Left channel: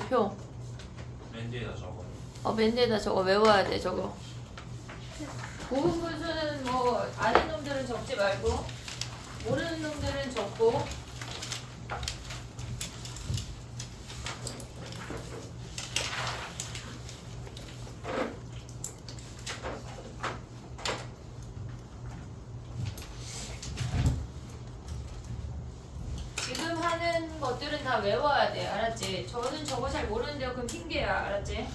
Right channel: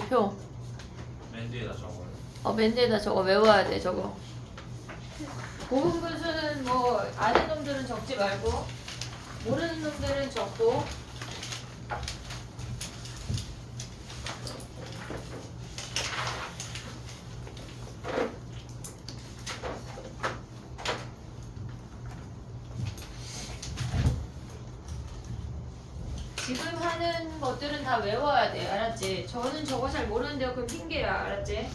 표. 맨 뒤에다 적어요. 맨 뒤에다 저거 외워야 돼, 저거. 고분분수는 뭐 아는 놈들은 적지 말고 모르는 놈들은 적고. 지금 하는 것들은 다 외워야 돼, 알았지? 저는 저거 잘 모르는데요, 그건 핑계야, 알았지?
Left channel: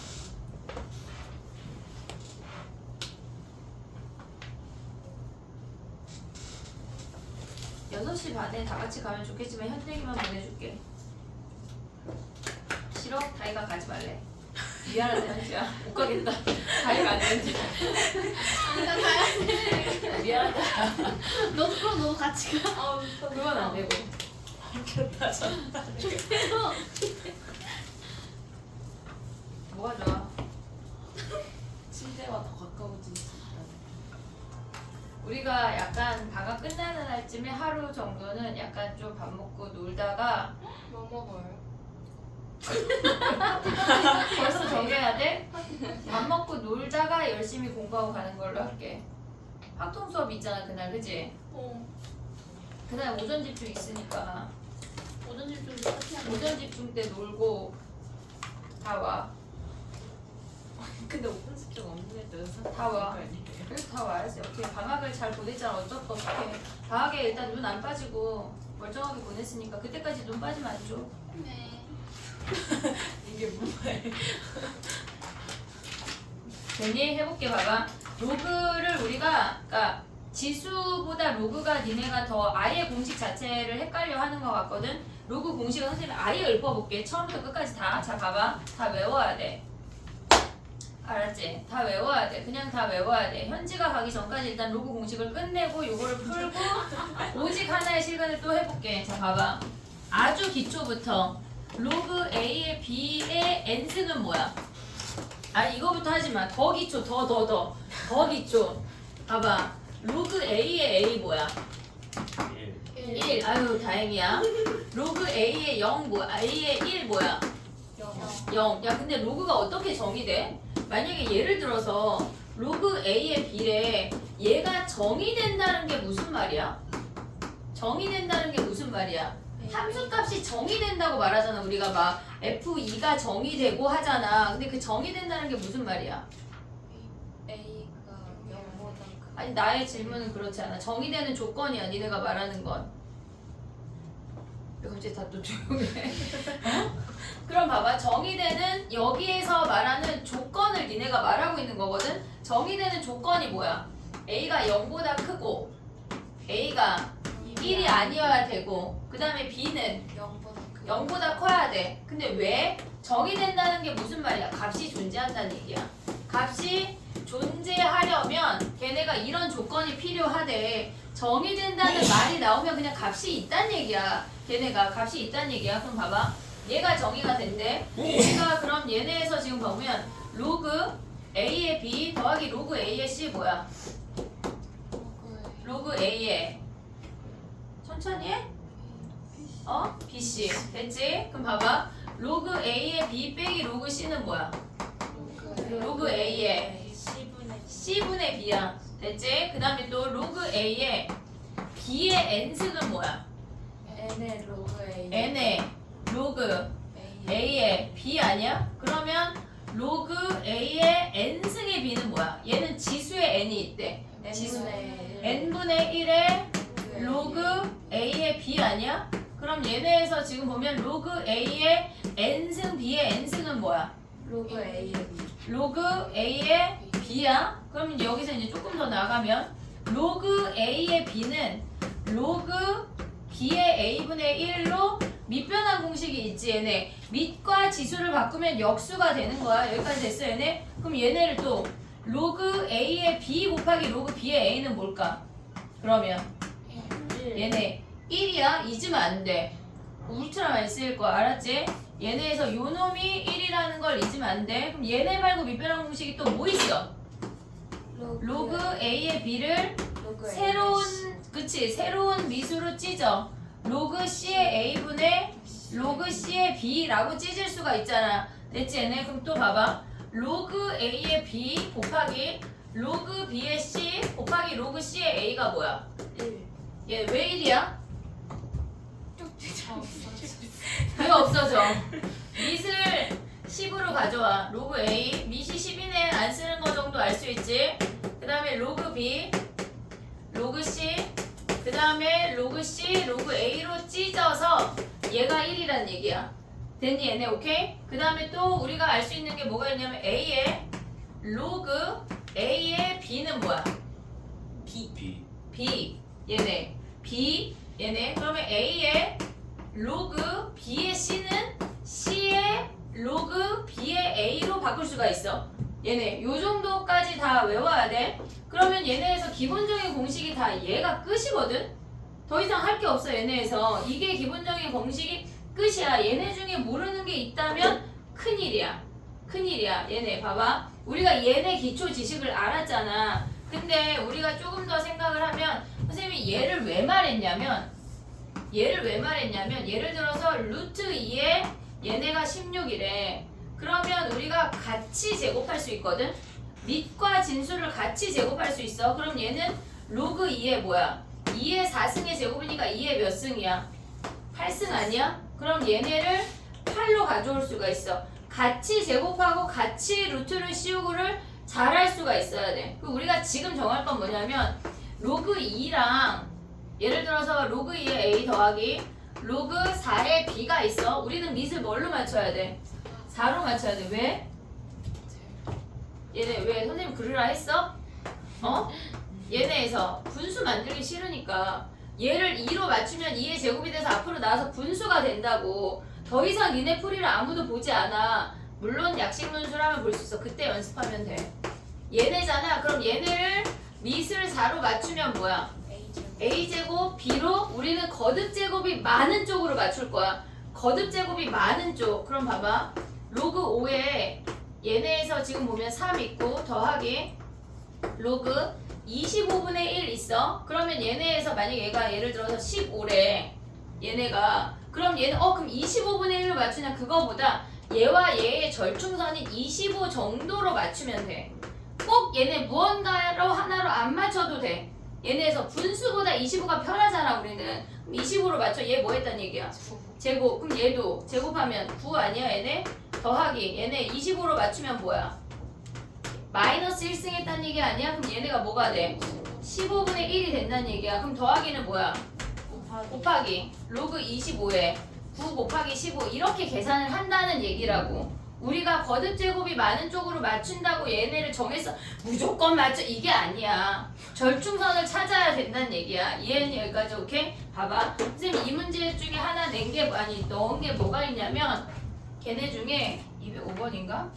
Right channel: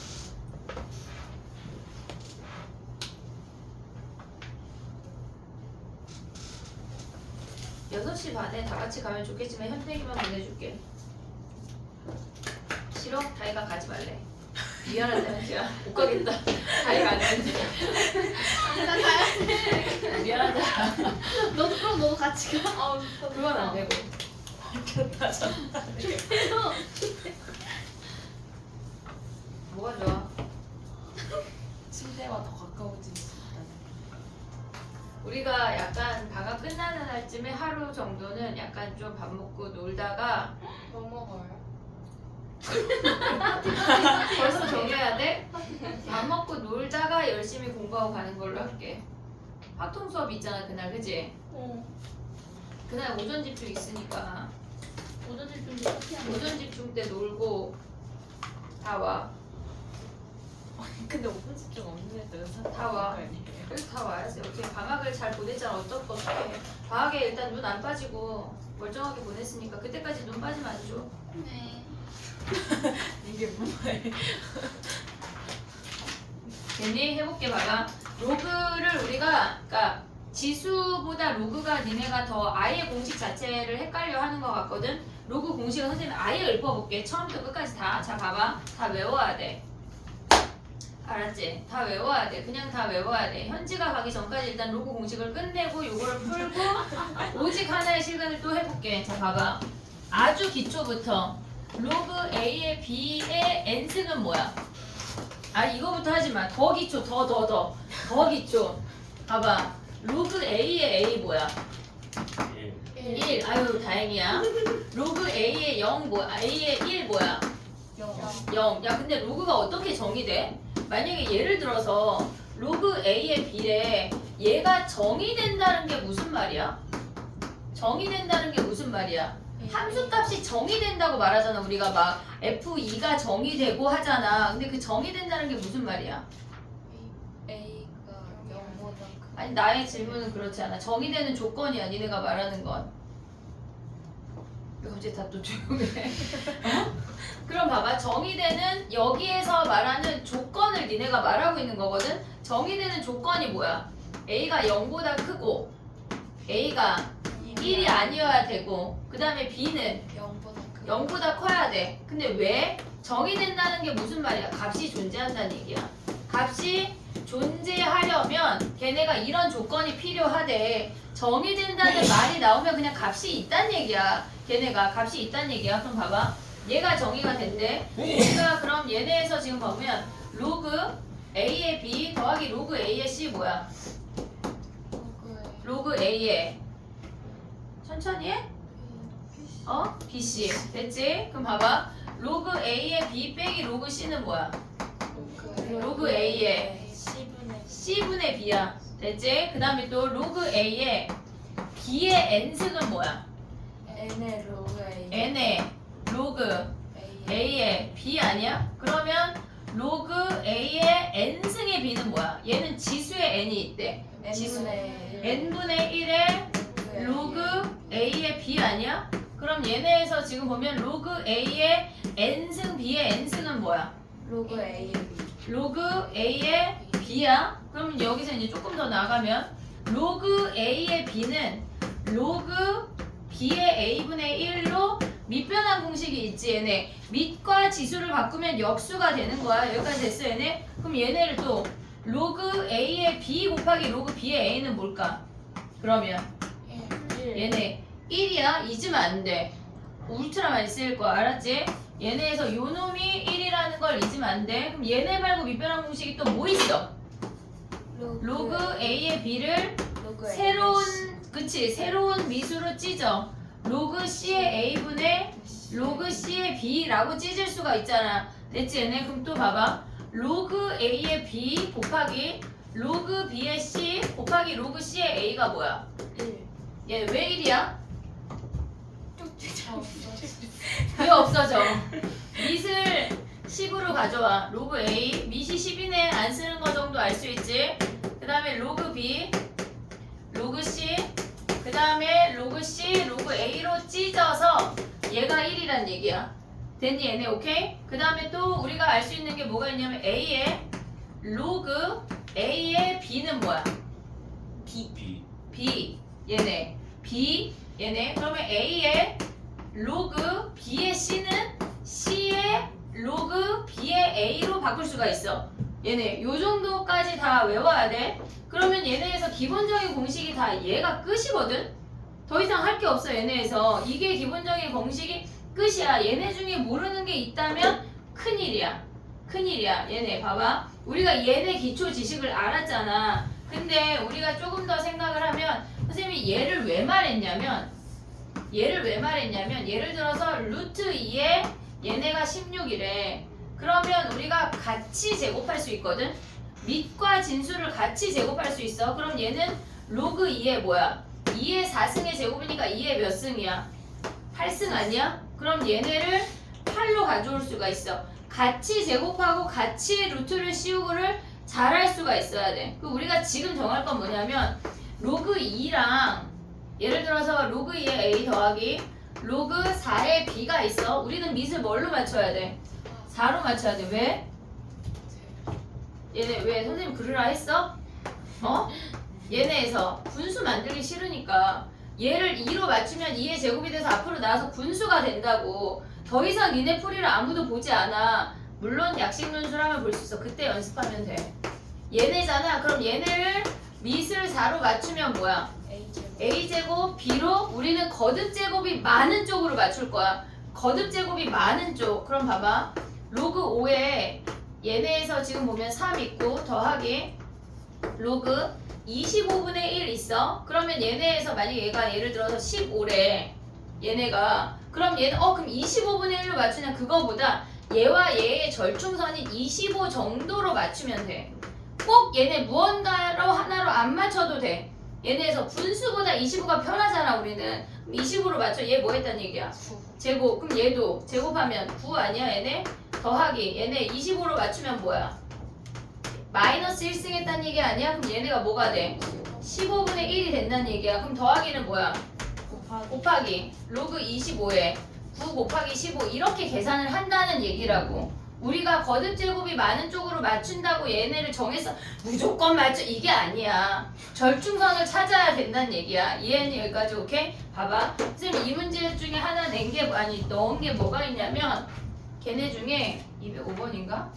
여섯 시 반에 다 같이 가면 좋겠지만 현동이만 보내줄게. 싫어? 다이가 가지 말래. 미안한데 한지야 못 가겠다. 다이가 안 되지. 나 가야 돼. 미안하다. 너도 그럼 너도 같이 가. 그건 안 되고. 어렵다 진짜. 뭐가 좋아? 침대와 더 가까워질 수 있다. 우리가 약간 방학 끝나는 날쯤에 하루 정도는 약간 좀 밥 먹고 놀다가 뭐 먹어요? 벌써 정해야 돼? 밥 먹고 놀다가 열심히 공부하고 가는 걸로 할게. 합동 수업 있잖아 그날, 그지? 그날 오전 집중 있으니까 오전 집중도 커피하는 오전 집중 때 놀고 다 와. 근데 오픈 집중 없는 애도 연습 다 와. 아니에요? 그래서 다 와야지. 어떻게 방학을 잘 보냈잖아. 어떡해. 방학에 일단 눈 안 빠지고 멀쩡하게 보냈으니까 그때까지 눈 빠지면 안 줘. 네. 이게 뭐예요? 됐니? 해볼게 봐봐. 로그를 우리가 그러니까 지수보다 로그가 니네가 더 아예 공식 자체를 헷갈려 하는 것 같거든. 로그 공식은 선생님이 아예 읊어볼게. 처음부터 끝까지 다. 자 봐봐. 다 외워야 돼. 알았지? 다 외워야 돼. 그냥 다 외워야 돼. 현지가 가기 전까지 일단 로그 공식을 끝내고 요거를 풀고 오직 하나의 실근을 또 해볼게. 자 봐봐. 아주 기초부터 로그 A의 B의 n승은 뭐야? 이거부터 하지 마. 더 기초, 더 기초. 봐봐. 로그 A의 A 뭐야? 1. 아유, 다행이야. 로그 A의 0 뭐야? A의 1 뭐야? 0. 야, 근데 로그가 어떻게 정의돼? 만약에 예를 들어서 로그 A의 B래 얘가 정의된다는 게 무슨 말이야? 정의된다는 게 무슨 말이야? 함수값이 정의된다고 말하잖아. 우리가 막 F2가 정의되고 하잖아. 근데 그 정의된다는 게 무슨 말이야? A가 0보다 크. 아니 나의 질문은 그렇지 않아. 정의되는 조건이야. 니네가 말하는 건. 왜 갑자기 다 또 조용해? 어? 그럼 봐봐. 정의되는 여기에서 말하는 조건을 니네가 말하고 있는 거거든. 정의되는 조건이 뭐야? A가 0보다 크고 A가 1이 아니어야 되고 그 다음에 B는 0보다 크. 0보다 커야 돼. 근데 왜? 정의된다는 게 무슨 말이야? 값이 존재한다는 얘기야. 값이 존재하려면 걔네가 이런 조건이 필요하대. 정의된다는 말이 나오면 그냥 값이 있다는 얘기야. 걔네가 값이 있다는 얘기야. 그럼 봐봐. 얘가 정의가 된대. 얘가 그럼 얘네에서 지금 보면 로그 A의 B 더하기 로그 A의 C 뭐야? 로그 A의 천천히 해? BC 됐지? 그럼 봐봐. 로그 A의 B 빼기 로그 C는 뭐야? 로그 A의 C분의 B야. 됐지? 그 다음에 또 로그 A의 B의 N승은 뭐야? N의 로그 A. N의 로그 A의 B 아니야? 그러면 로그 A의 N승의 B는 뭐야? 얘는 지수의 N이 있대. 지수 N분의 1의 로그 A의 B 아니야? 그럼 얘네에서 지금 보면 로그 A의 N승 B의 N승은 뭐야? 로그 A의 B. 로그 A의 B야? 그럼 여기서 이제 조금 더 나가면 로그 A의 B는 로그 B의 A분의 1로 밑변환 공식이 있지 얘네. 밑과 지수를 바꾸면 역수가 되는 거야. 여기까지 됐어 얘네? 그럼 얘네를 또 로그 A의 B 곱하기 로그 B의 A는 뭘까? 그러면 얘네 1이야? 잊으면 안 돼. 울트라 많이 쓰일 거야. 알았지? 얘네에서 요 놈이 1이라는 걸 잊으면 안 돼. 그럼 얘네 말고 밑변환 공식이 또 뭐 있어? 로그 A의 B를 새로운 미수로 찢어. 로그 C의 A분의 로그 C의 B라고 찢을 수가 있잖아. 됐지 얘네? 그럼 또 봐봐. 로그 A의 B 곱하기 로그 B의 C 곱하기 로그 C의 A가 뭐야? 1. 얘 왜 1이야? 쭉 왜 없어져? 밑을 10으로 가져와. 로그 A, 밑이 10이네. 안 쓰는 거 정도 알 수 있지? 그 다음에 로그 B, 로그 C, 그 다음에 로그 C, 로그 A로 찢어서 얘가 1이란 얘기야. 됐니 얘네? 오케이? 그 다음에 또 우리가 알 수 있는 게 뭐가 있냐면 A의 로그 A의 B는 뭐야? B. B 얘네 B 얘네 그러면 A의 로그 B의 C는 C의 로그 B의 A로 바꿀 수가 있어. 얘네 요 정도까지 다 외워야 돼. 그러면 얘네에서 기본적인 공식이 다 얘가 끝이거든. 더 이상 할 게 없어 얘네에서. 이게 기본적인 공식이 끝이야. 얘네 중에 모르는 게 있다면 큰일이야. 큰일이야. 얘네 봐봐. 우리가 얘네 기초 지식을 알았잖아. 근데 우리가 조금 더 생각을 하면 선생님이 얘를 왜 말했냐면 예를 들어서 루트 2에 얘네가 16이래. 그러면 우리가 같이 제곱할 수 있거든. 밑과 진수를 같이 제곱할 수 있어. 그럼 얘는 로그 2의 뭐야? 2의 4승의 제곱이니까 2의 몇 승이야? 8승 아니야? 그럼 얘네를 8로 가져올 수가 있어. 같이 제곱하고 같이 루트를 씌우고를 잘할 수가 있어야 돼. 그 우리가 지금 정할 건 뭐냐면 로그 2랑 예를 들어서 로그 2의 A 더하기 로그 4의 B가 있어. 우리는 밑을 뭘로 맞춰야 돼? 4로 맞춰야 돼. 왜? 얘네 왜 선생님 그러라 했어? 어? 얘네에서 분수 만들기 싫으니까 얘를 2로 맞추면 2의 제곱이 돼서 앞으로 나와서 분수가 된다고. 더 이상 니네 풀이를 아무도 보지 않아. 물론 약식분수라면 볼 수 있어. 그때 연습하면 돼. 얘네잖아. 그럼 얘네를 밑을 4로 맞추면 뭐야? A제곱 B로 우리는 거듭제곱이 많은 쪽으로 맞출 거야. 거듭제곱이 많은 쪽. 그럼 봐봐. 로그 5에 얘네에서 지금 보면 3 있고 더하기 로그 25분의 1 있어. 그러면 얘네에서 만약 얘가 예를 들어서 15래. 얘네가 그럼 얘는 그럼 25분의 1로 맞추냐 그거보다 얘와 얘의 절충선이 25 정도로 맞추면 돼. 꼭 얘네 무언가로 하나로 안 맞춰도 돼. 얘네에서 분수보다 25가 편하잖아 우리는. 그럼 25로 맞춰. 얘 뭐 했단 얘기야? 제곱. 그럼 얘도 제곱하면 9 아니야 얘네? 더하기 얘네 25로 맞추면 뭐야? 마이너스 1승 했단 얘기 아니야? 그럼 얘네가 뭐가 돼? 15분의 1이 된다는 얘기야. 그럼 더하기는 뭐야? 곱하기 로그 25에 9 곱하기 15 이렇게 계산을 한다는 얘기라고. 우리가 거듭제곱이 많은 쪽으로 맞춘다고 얘네를 정해서 무조건 맞춰 이게 아니야. 절충선을 찾아야 된다는 얘기야. 이해했니 여기까지? 오케이? 봐봐. 선생님 이 문제 중에 하나 넣은 게 뭐가 있냐면 걔네 중에 205번인가?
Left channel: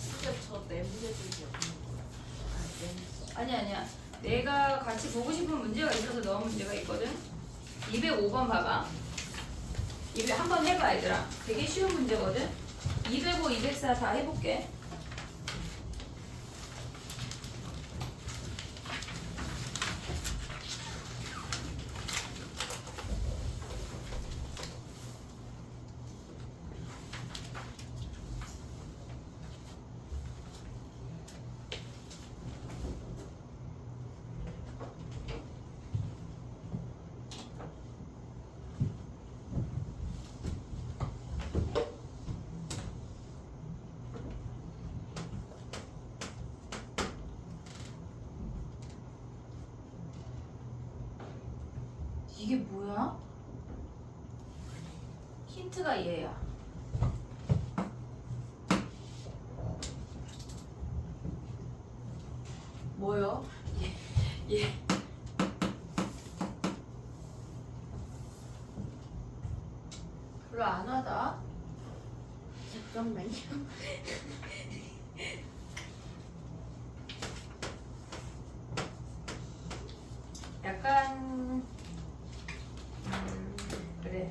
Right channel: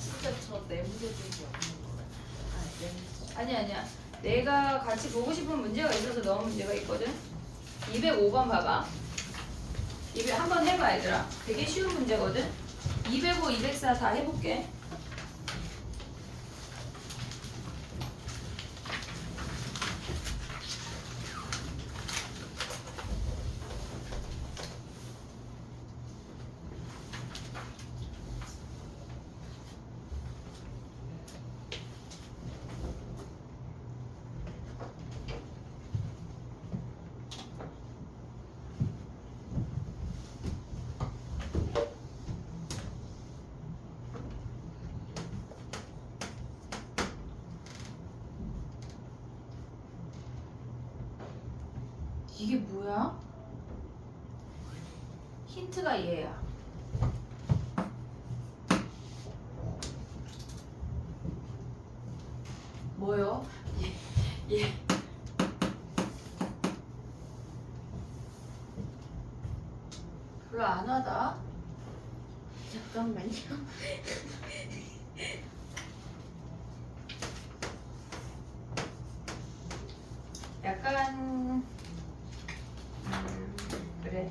진짜 저 내무제들이 없는 거예요. 아니야. 내가 같이 보고 싶은 문제가 있어서 넣은 문제가 있거든. 205번 봐봐. 한번 해봐 얘들아. 되게 쉬운 문제거든. 205, 204 다 해볼게. 이게 뭐야? 힌트가 얘야. 뭐요? 얘. 별로 안 와다. 잠깐만요. 약간 그래.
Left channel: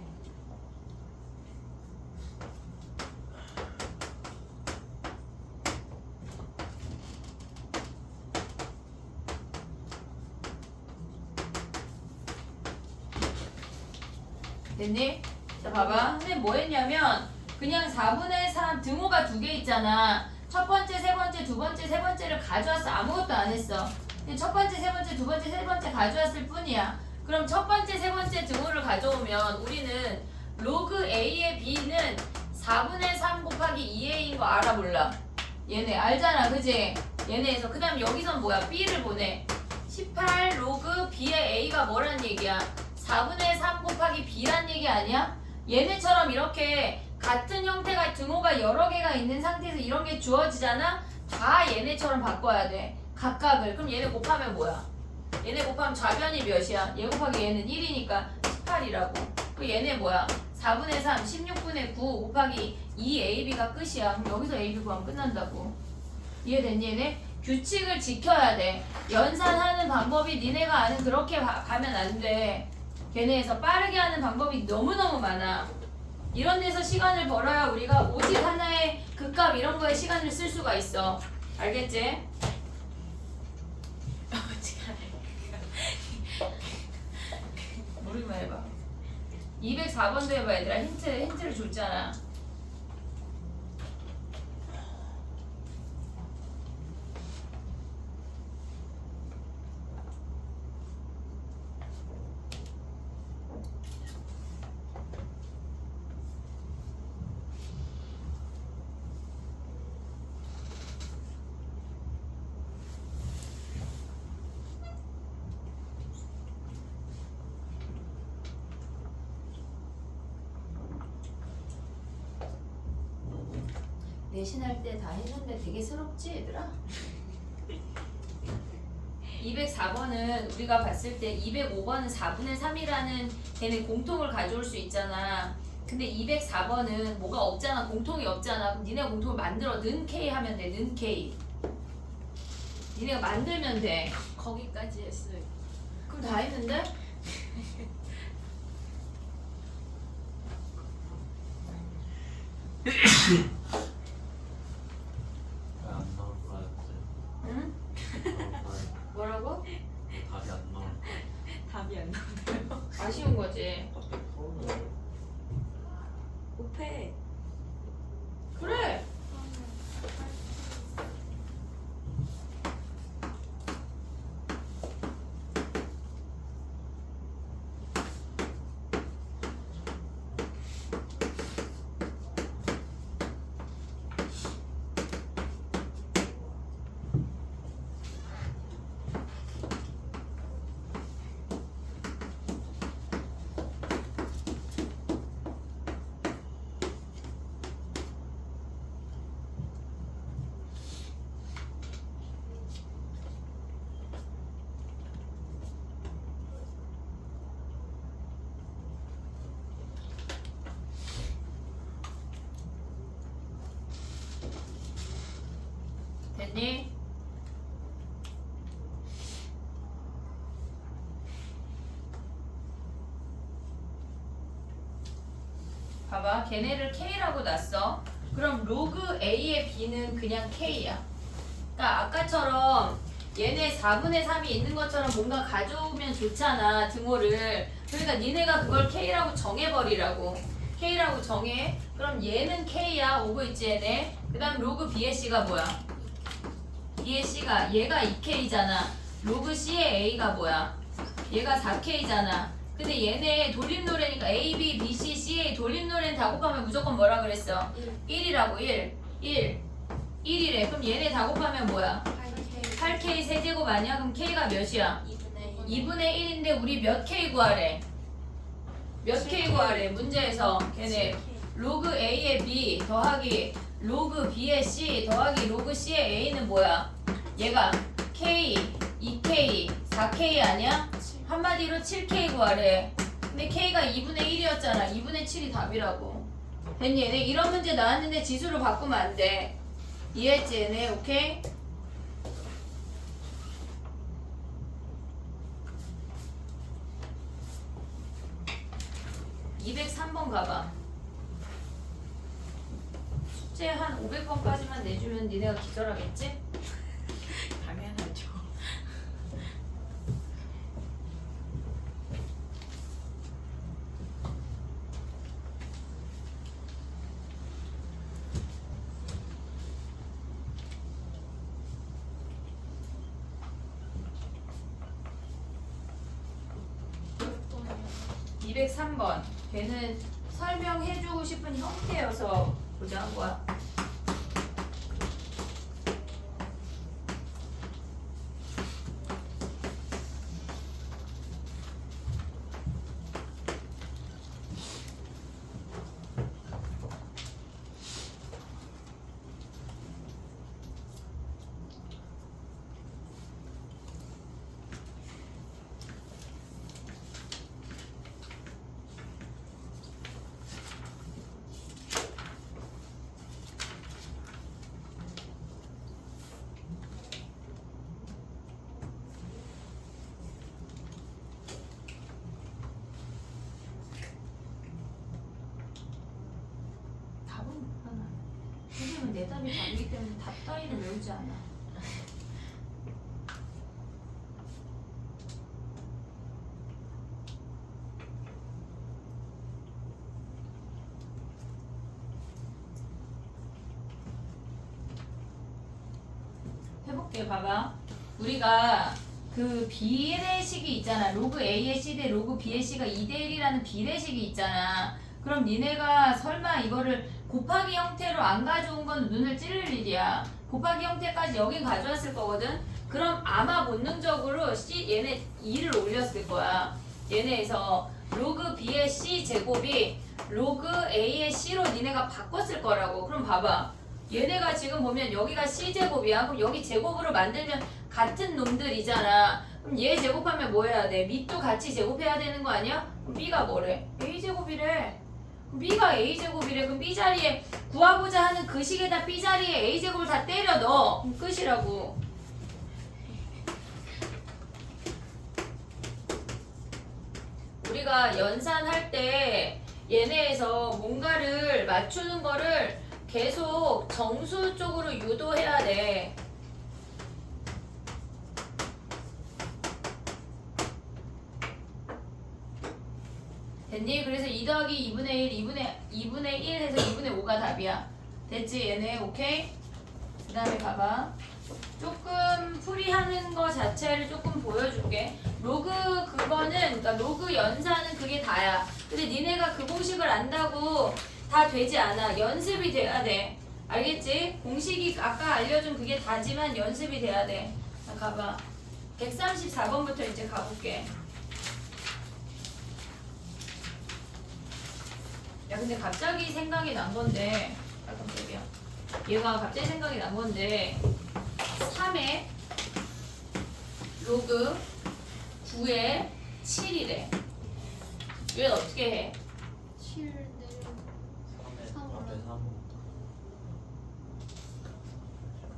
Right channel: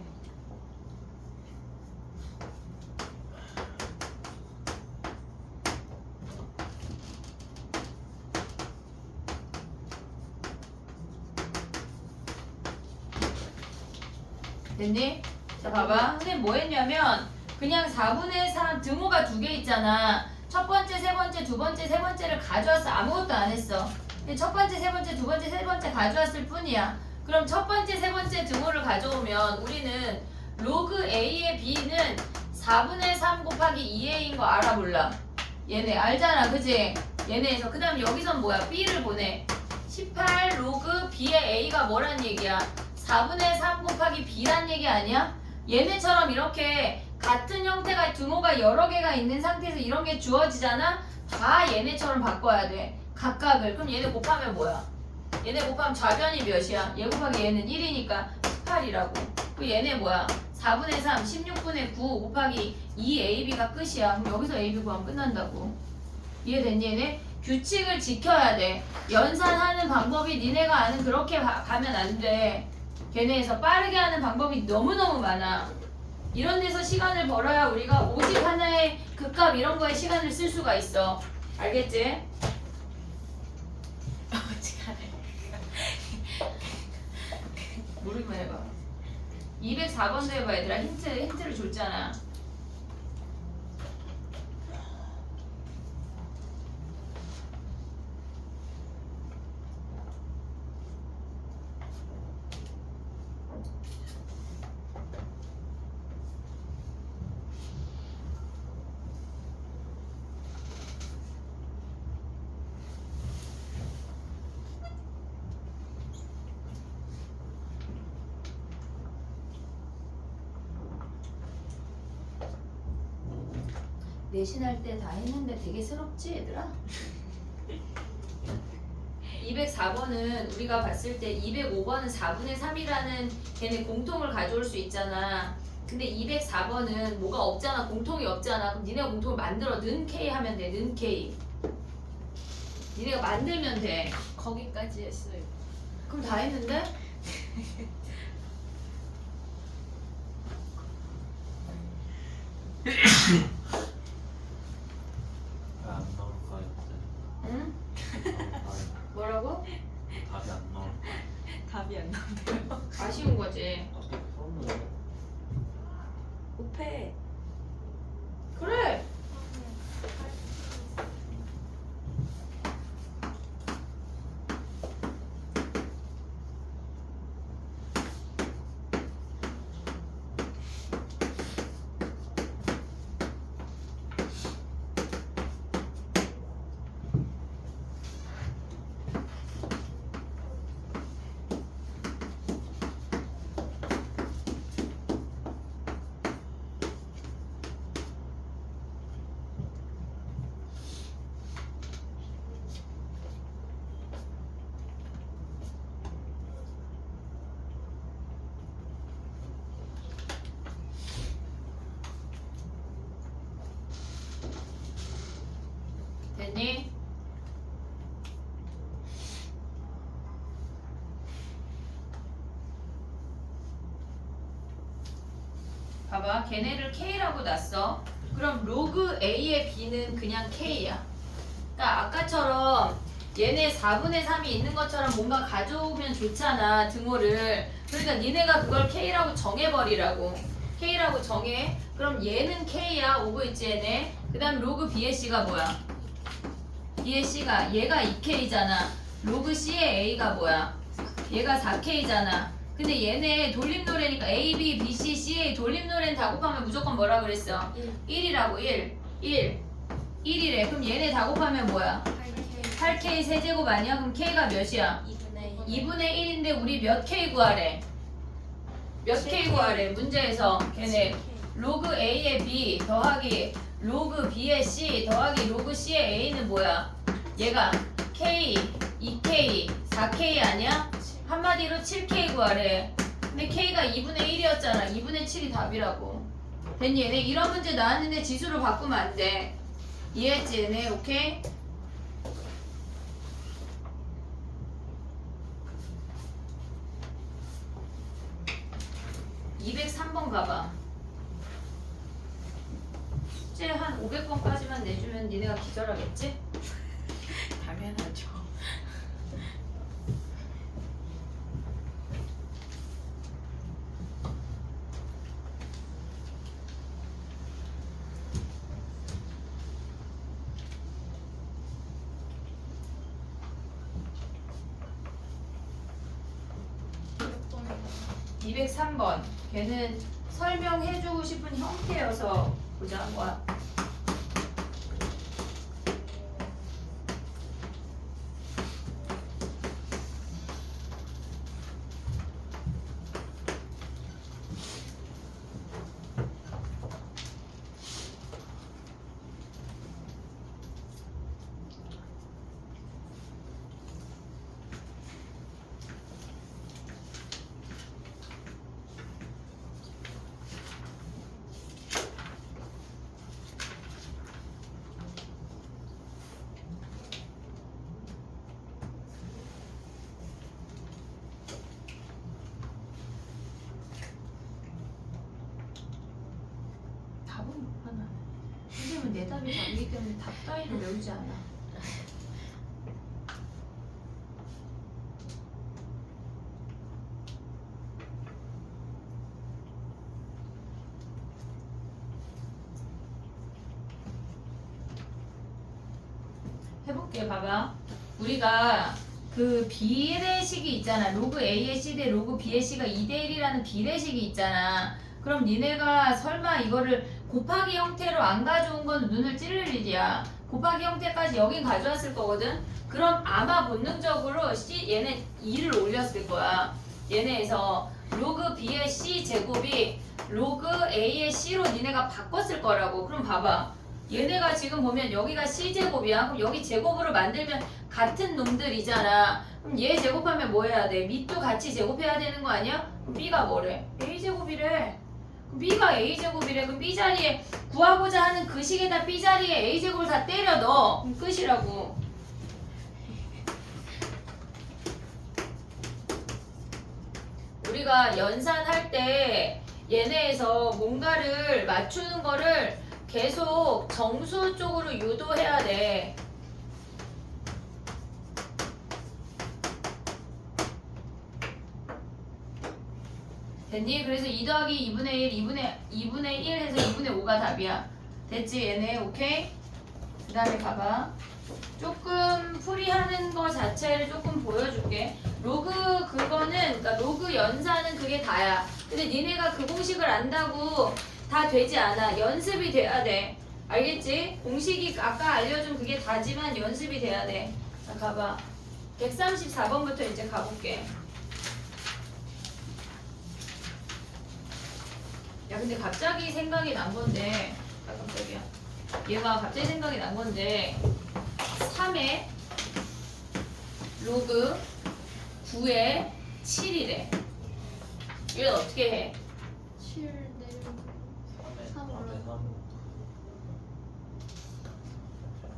됐니? 자 봐봐. 선생님 뭐 했냐면 그냥 4분의 3 등호가 2개 있잖아. 첫 번째, 세 번째, 두 번째, 세 번째를 가져왔어. 아무것도 안 했어. 근데 첫 번째, 세 번째, 두 번째, 세 번째 가져왔을 뿐이야. 그럼 첫 번째, 세 번째 등호를 가져오면 우리는 로그 A의 B는 4분의 3 곱하기 2A인 거 알아 몰라? 얘네 알잖아 그지? 얘네에서 그 다음 여기선 뭐야? B를 보내. 18 로그 B의 A가 뭐란 얘기야? 4분의 3 곱하기 B란 얘기 아니야? 얘네처럼 이렇게 같은 형태가 등호가 여러 개가 있는 상태에서 이런 게 주어지잖아? 다 얘네처럼 바꿔야 돼. 각각을. 그럼 얘네 곱하면 뭐야? 얘네 곱하면 좌변이 몇이야? 얘 곱하기 얘는 1이니까 18이라고. 그 얘네 뭐야? 4분의 3, 16분의 9 곱하기 2AB가 끝이야. 그럼 여기서 AB 구하면 끝난다고. 이해됐니 얘네? 규칙을 지켜야 돼. 연산하는 방법이 니네가 아는 그렇게 가면 안 돼. 걔네에서 빠르게 하는 방법이 너무너무 많아. 이런 데서 시간을 벌어야 우리가 오직 하나의 극값 이런 거에 시간을 쓸 수가 있어. 알겠지? 어지간해. 모르기만 해봐. 204번도 해봐 얘들아. 힌트를 줬잖아. 내신할 때 다 했는데 되게 스럽지 얘들아? 204번은 우리가 봤을 때 205번은 4분의 3이라는 걔네 공통을 가져올 수 있잖아. 근데 204번은 뭐가 없잖아. 공통이 없잖아. 그럼 니네가 공통을 만들어 는 K 하면 돼. 는 K. 니네가 만들면 돼. 거기까지 했어요. 그럼 다 했는데? 왜안 나올까요? 응? 뭐라고? 답이 안 나올 답이 안 나오네요. 아쉬운 거지. 어떻게 풀었는데? 오페. 그래. 됐니? 봐봐 걔네를 K라고 놨어. 그럼 로그 A의 B는 그냥 K야. 그러니까 아까처럼 얘네 4분의 3이 있는 것처럼 뭔가 가져오면 좋잖아 등호를. 그러니까 니네가 그걸 K라고 정해버리라고. K라고 정해. 그럼 얘는 K야. 오고 있지 얘네. 그 다음 로그 B의 C가 뭐야? B의 C가 얘가 2K잖아. 로그 C의 A가 뭐야? 얘가 4K잖아. 근데 얘네 돌림노래니까 A, B, B, C, CA 돌림노래는 다 곱하면 무조건 뭐라 그랬어? 1이라고 1. 1이래. 그럼 얘네 다 곱하면 뭐야? 8K 세제곱 아니야? 그럼 K가 몇이야? 2분의 1인데 우리 몇 K 구하래? 몇 K 구하래? 문제에서 걔네 로그 A의 B 더하기 로그 B의 C 더하기 로그 C의 A는 뭐야? 얘가 K, 2K, 4K 아니야? 한마디로 7K 구하래. 근데 K가 2분의 1이었잖아. 2분의 7이 답이라고. 됐니? 얘네 이런 문제 나왔는데 지수로 바꾸면 안 돼. 이해했지 얘네? 오케이? (203번) 가봐. 숙제 한 500번까지만 내주면 니네가 기절하겠지? 당연하죠. 203번. 걔는 설명해주고 싶은 형태여서 보자한 거야. 답은 못 하나. 선생님은 내 답이 답이기 때문에 답 따위를 외우지 않아. 해볼게. 봐봐. 우리가 그 비례식이 있잖아. 로그 A의 C 대 로그 B의 C가 2대1이라는 비례식이 있잖아. 그럼 니네가 설마 이거를 곱하기 형태로 안 가져온 건 눈을 찌를 일이야. 곱하기 형태까지 여긴 가져왔을 거거든. 그럼 아마 본능적으로 얘네 2를 올렸을 거야. 얘네에서 로그 B의 C 제곱이 로그 A의 C로 니네가 바꿨을 거라고. 그럼 봐봐. 얘네가 지금 보면 여기가 C제곱이야. 그럼 여기 제곱으로 만들면 같은 놈들이잖아. 그럼 얘 제곱하면 뭐 해야 돼? 밑도 같이 제곱해야 되는 거 아니야? 그럼 B가 뭐래? A제곱이래. 그럼 B가 A제곱이래. 그럼 B 자리에 구하고자 하는 그 식에다 B 자리에 A제곱을 다 때려 넣어. 그럼 끝이라고. 우리가 연산할 때 얘네에서 뭔가를 맞추는 거를 계속 정수 쪽으로 유도해야 돼. 됐니? 그래서 2 더하기 2분의 1, 2분의 1 해서 2분의 5가 답이야. 됐지? 얘네 오케이? 그 다음에 봐봐. 조금 풀이하는 거 자체를 조금 보여줄게. 로그 그거는, 그러니까 로그 연산은 그게 다야. 근데 니네가 그 공식을 안다고 다 되지 않아. 연습이 돼야 돼. 알겠지? 공식이 아까 알려준 그게 다지만 연습이 돼야 돼. 자, 가봐. 134번부터 이제 가볼게. 야, 근데 갑자기 생각이 난 건데, 깜짝이야. 얘가 갑자기 생각이 난 건데, 3에 로그 9에 7이래. 이건 어떻게 해? 7 내리고 3에 3 3에 3.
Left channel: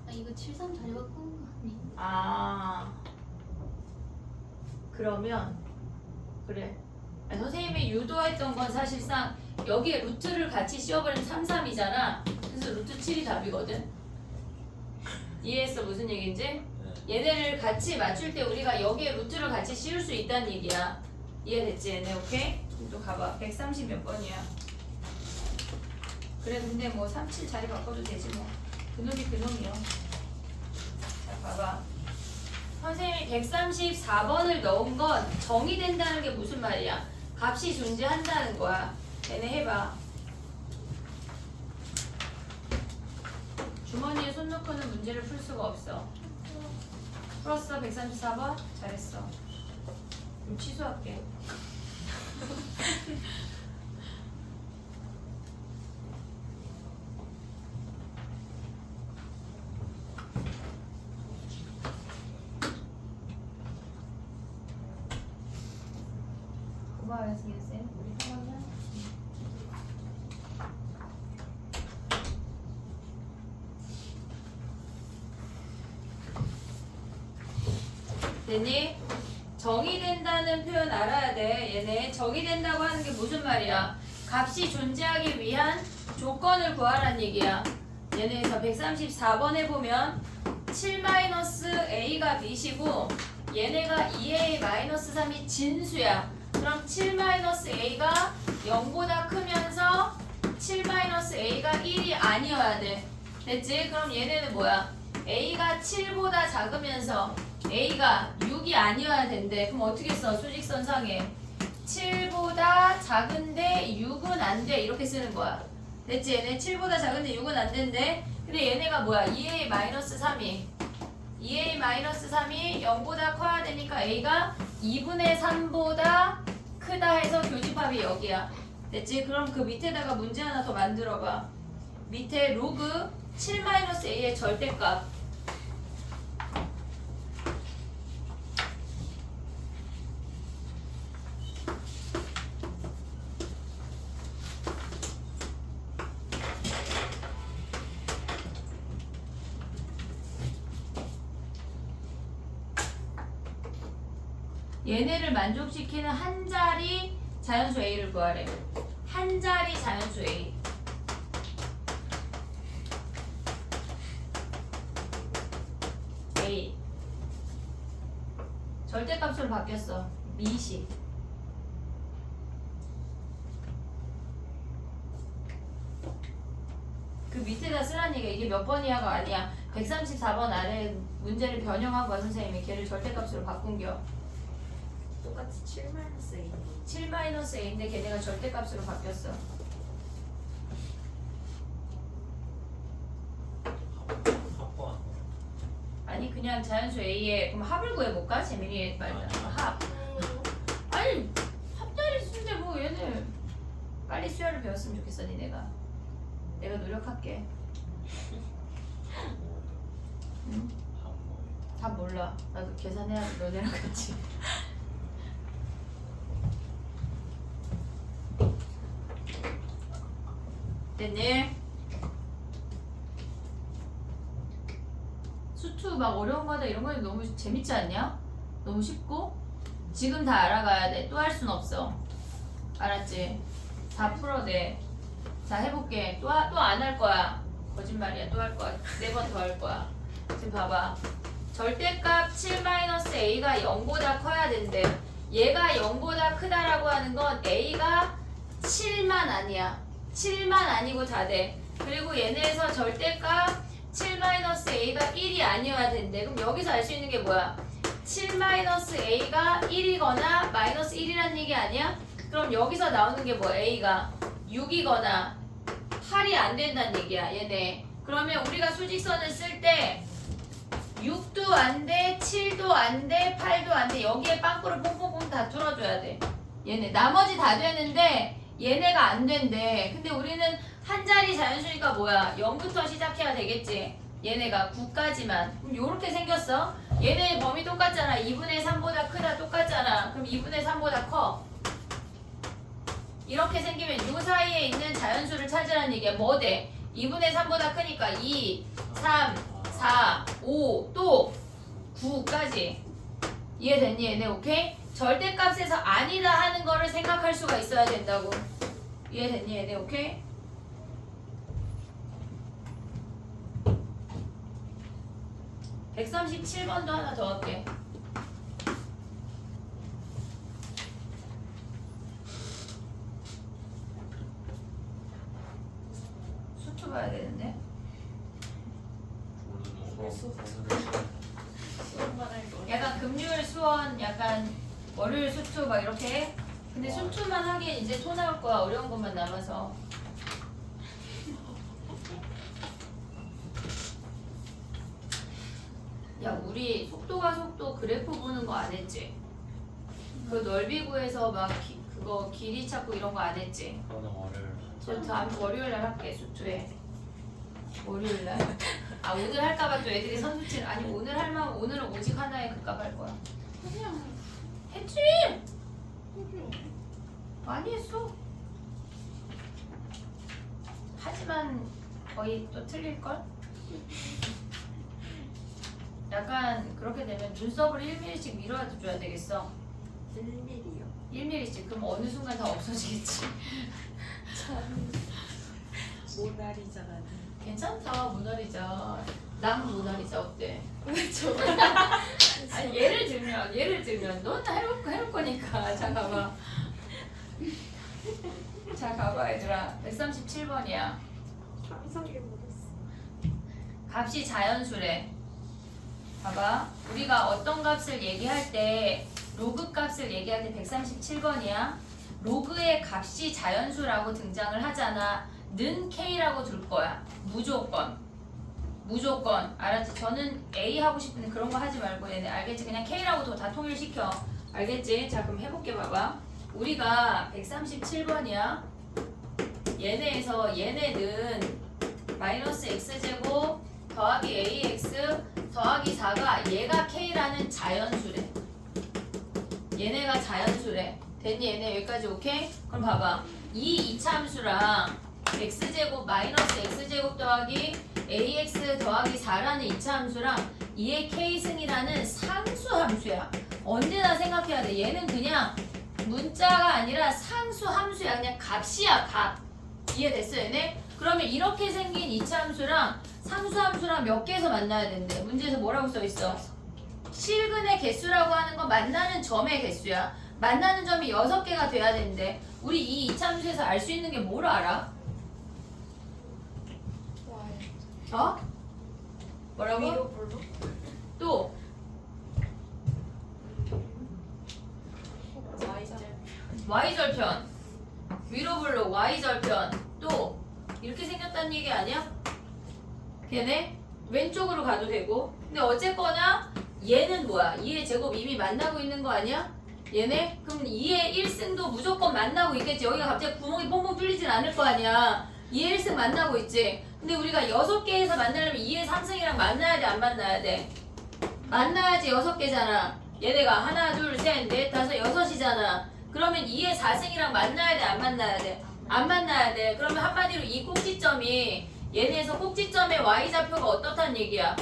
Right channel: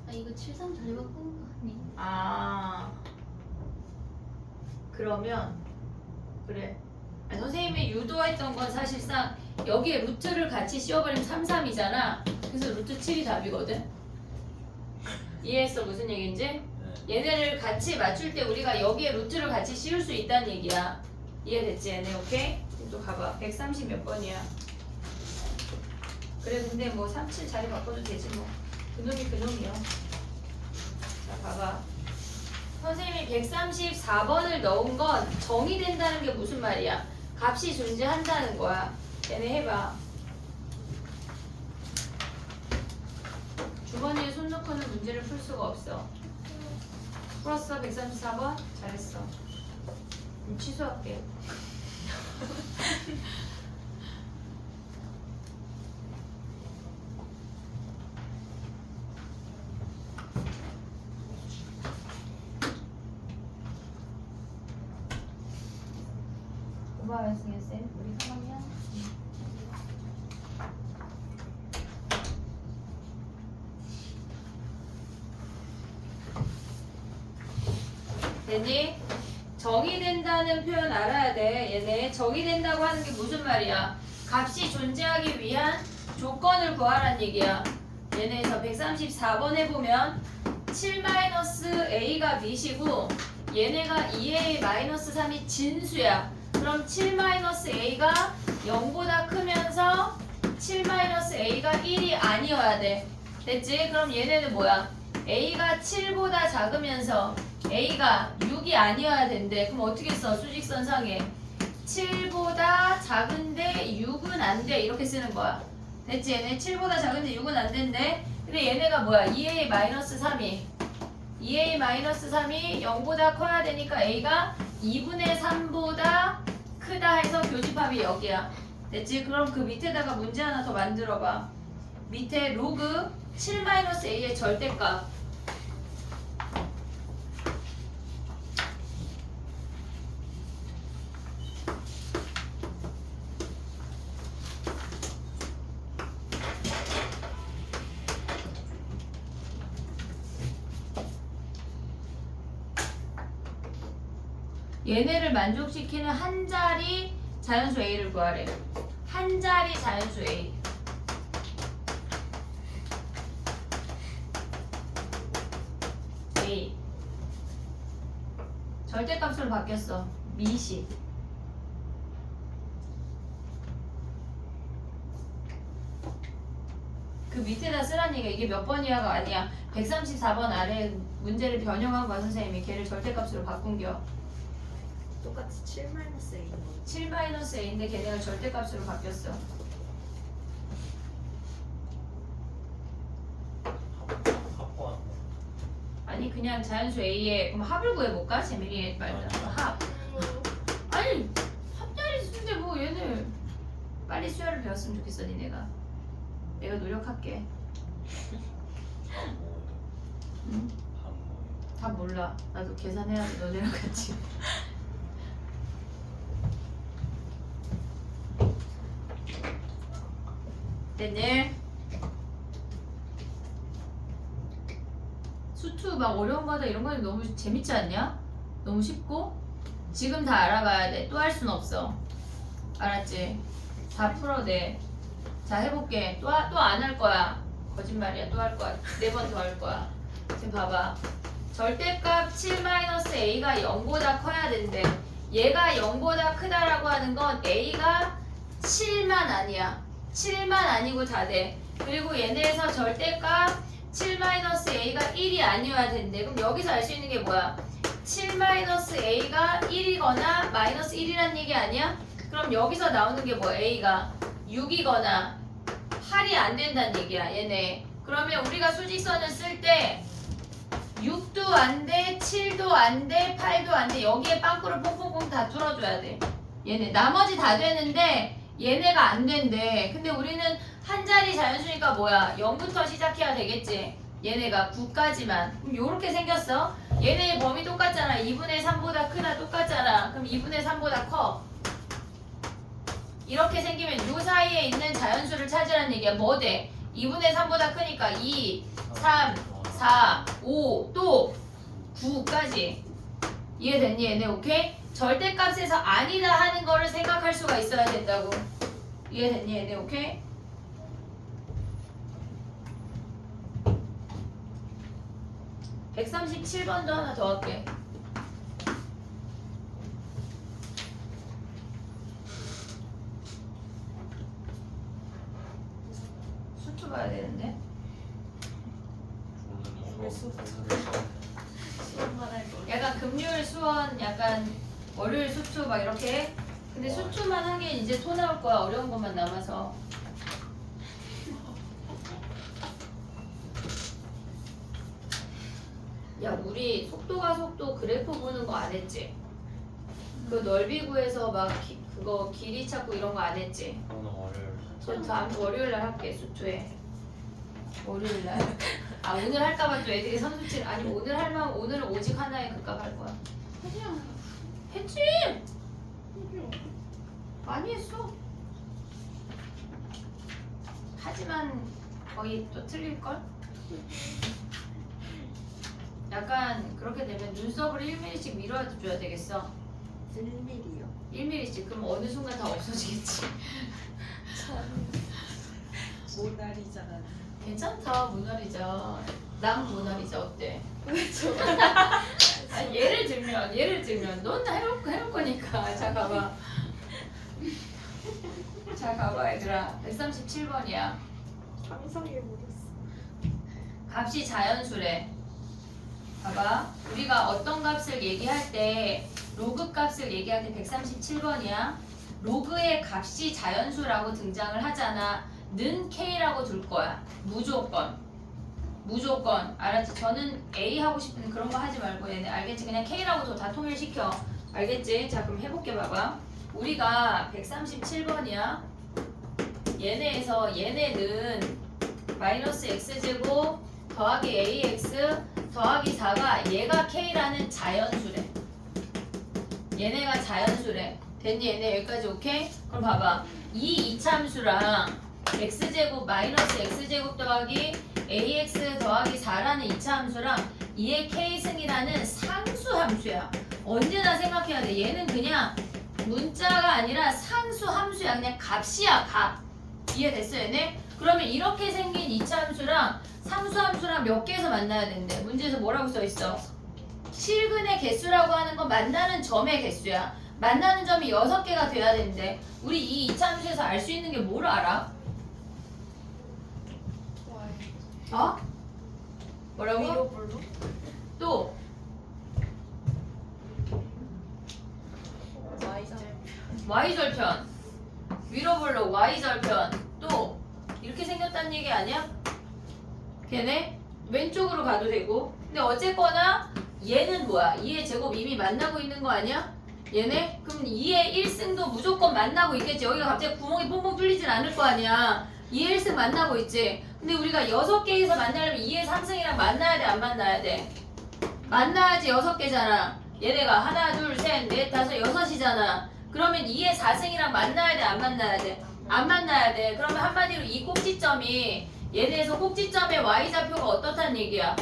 아 이거 7, 3 자리 바꾸는 거 아니? 아, 그러면 그래. 아니, 선생님이 유도했던 건 사실상 여기에 루트를 같이 씌워버리면 3, 3이잖아. 그래서 루트 7이 답이거든. 이해했어? 무슨 얘기인지? 네. 얘네를 같이 맞출 때 우리가 여기에 루트를 같이 씌울 수 있다는 얘기야. 이해됐지? 얘네 오케이? 또 가봐. 130 몇 번이야? 그래 근데 뭐 37 자리 바꿔도 되지 뭐. 그놈이 그놈이야. 자 봐봐. 선생님이 134번을 넣은 건 정의된다는 게 무슨 말이야? 값이 존재한다는 거야. 얘네 해봐. 주머니에 손 넣고는 문제를 풀 수가 없어. 풀었어? 134번? 잘했어. 그럼 취소할게. 고마워요, 승현쌤. 우리 3학년? 됐니? 정의된다는 표현 알아야 돼. 얘네 정의된다고 하는 게 무슨 말이야? 값이 존재하기 위한 조건을 구하라는 얘기야. 얘네에서 134번에 보면 7-a가 밑이고 얘네가 2a-3이 진수야. 그럼 7-a가 0보다 크면서 7-a가 1이 아니어야 돼. 됐지? 그럼 얘네는 뭐야? a가 7보다 작으면서 a가 6이 아니어야 된대. 그럼 어떻게 써? 수직선상에 7보다 작은데 6은 안 돼. 이렇게 쓰는 거야. 됐지? 얘네 7보다 작은데 6은 안 된대. 근데 얘네가 뭐야? 2a-3이 2a-3이 0보다 커야 되니까 a가 2분의 3보다 크다 해서 교집합이 여기야. 됐지? 그럼 그 밑에다가 문제 하나 더 만들어봐. 밑에 로그 7-a의 절대값. 얘네를 만족시키는 한 자리 자연수 a를 구하래. 한 자리 자연수 a. a. 절대값으로 바뀌었어. 미시. 그 밑에다 쓰라니까 이게 몇 번 이하가 아니야. 134번 아래 문제를 변형한 거야 선생님이. 걔를 절대값으로 바꾼겨. 똑같이 7 마이너스 A인 거. 7-a인데 걔네가 절대값으로 바뀌었어. 합과 아니 그냥 자연수 a에 그럼 합을 구해볼까? 재민이 말자. 아니요. 합. 아니 합자리 수인데 뭐 얘네 빨리 수열을 배웠으면 좋겠어 니네가. 내가 노력할게. 합 뭐예요? 응? 합 뭐예요? 다 몰라. 나도 계산해야 돼 너네랑 같이. 됐네. 수투 막 어려운 거 하다 이런 거는 너무 재밌지 않냐? 너무 쉽고 지금 다 알아가야 돼. 또 할 순 없어. 알았지? 다 풀어내. 자 해볼게. 또 안 할 거야. 거짓말이야. 또 할 거야. 4번 더 할 거야. 지금 봐봐. 절대값 7-a가 0보다 커야 된대. 얘가 0보다 크다라고 하는 건 a가 7만 아니야. 7만 아니고 다 돼. 그리고 얘네에서 절대값 7-a가 1이 아니어야 된대. 그럼 여기서 알 수 있는 게 뭐야? 7-a가 1이거나 마이너스 1이란 얘기 아니야? 그럼 여기서 나오는 게 뭐? a가 6이거나 8이 안 된다는 얘기야 얘네. 그러면 우리가 수직선을 쓸 때 6도 안 돼, 7도 안 돼, 8도 안 돼. 여기에 빵꾸를 뽕뽕뽕 다 뚫어줘야 돼. 얘네 나머지 다 되는데 얘네가 안 된대. 근데 우리는 한 자리 자연수니까 뭐야? 0부터 시작해야 되겠지. 얘네가 9까지만. 그럼 요렇게 생겼어. 얘네 범위 똑같잖아. 2분의 3보다 크다 똑같잖아. 그럼 2분의 3보다 커. 이렇게 생기면 요 사이에 있는 자연수를 찾으라는 얘기야. 뭐 돼? 2분의 3보다 크니까 2, 3, 4, 5, 또 9까지. 이해됐니 얘네? 오케이? 절대값에서 아니다 하는 거를 생각할 수가 있어야 된다고. 이해됐니 얘네? 오케이? (137번도) 하나 더 할게. 수투 봐야 되는데. 오늘은 수업 오늘은 수업만 할 거. 약간 금요일 수원, 약간 월요일 수투 막 이렇게. 근데 와. 수투만 하긴 이제 토 나올 거야. 어려운 것만 남아서. 야 우리 속도가 속도 그래프 보는 거 안 했지? 그 넓이 구해서 막 그거 길이 찾고 이런 거 안 했지? 오늘 월요일 저 다음 월요일 날 할게 수투에. 월요일 날. 아 오늘 할까봐 또 애들이 선수친. 아니 오늘 할만 오늘은 오직 하나에 급값 할 거야. 그냥 했지? 많이 했어. 하지만 거의 또 틀릴 걸? 약간 그렇게 되면 눈썹을 1mm씩 밀어줘야 되겠어. 1mm요. 1mm씩. 그럼 어느 순간 다 없어지겠지. 모나리자가. 괜찮다 모나리자. 난 모나리자 어때? 왜죠? 아니 예를 들면 넌 해볼 거니까. 자 가봐. 자 가봐 얘들아. 137번이야. 상상해버렸어. 값이 자연수래. 봐봐. 우리가 어떤 값을 얘기할 때 로그 값을 얘기할 때 137번이야. 로그의 값이 자연수라고 등장을 하잖아. 는 K라고 둘 거야. 무조건. 무조건. 알았지? 저는 A 하고 싶은데 그런 거 하지 말고 얘네. 알겠지? 그냥 K라고 다 통일시켜. 알겠지? 자, 그럼 해볼게 봐봐. 우리가 137번이야. 얘네에서 얘네는 마이너스 x제곱 더하기 ax 더하기 4가 얘가 K라는 자연수래. 얘네가 자연수래. 됐니? 얘네 여기까지 오케이? 그럼 봐봐. 이 이차함수랑 x제곱 마이너스 x제곱 더하기 ax 더하기 4라는 이차함수랑 이의 k승이라는 상수함수야. 언제나 생각해야 돼. 얘는 그냥 문자가 아니라 상수함수야. 그냥 값이야, 값. 이해됐어, 얘네? 그러면 이렇게 생긴 이차함수랑 상수함수랑 몇 개에서 만나야 된대. 문제에서 뭐라고 써있어? 실근의 개수라고 하는 건 만나는 점의 개수야. 만나는 점이 6개가 돼야 되는데 우리 이 이차함수에서 알 수 있는 게 뭘 알아? 어? 뭐라고? 위로 볼로? 또 Y절. Y절편 위로 볼록 Y절편 또 이렇게 생겼다는 얘기 아니야? 걔네 왼쪽으로 가도 되고 근데 어쨌거나 얘는 뭐야? 2의 제곱 이미 만나고 있는 거 아니야? 얘네? 그럼 2의 1승도 무조건 만나고 있겠지. 여기가 갑자기 구멍이 뽕뽕 뚫리진 않을 거 아니야. 2의 1승 만나고 있지. 근데 우리가 6개에서 만나려면 2의 3승이랑 만나야 돼, 안 만나야 돼? 만나야지 6개잖아. 얘네가 하나, 둘, 셋, 넷, 다섯, 6이잖아. 그러면 2의 4승이랑 만나야 돼, 안 만나야 돼? 안 만나야 돼. 그러면 한마디로 이 꼭지점이 얘네에서 꼭지점의 y좌표가 어떻다는 얘기야?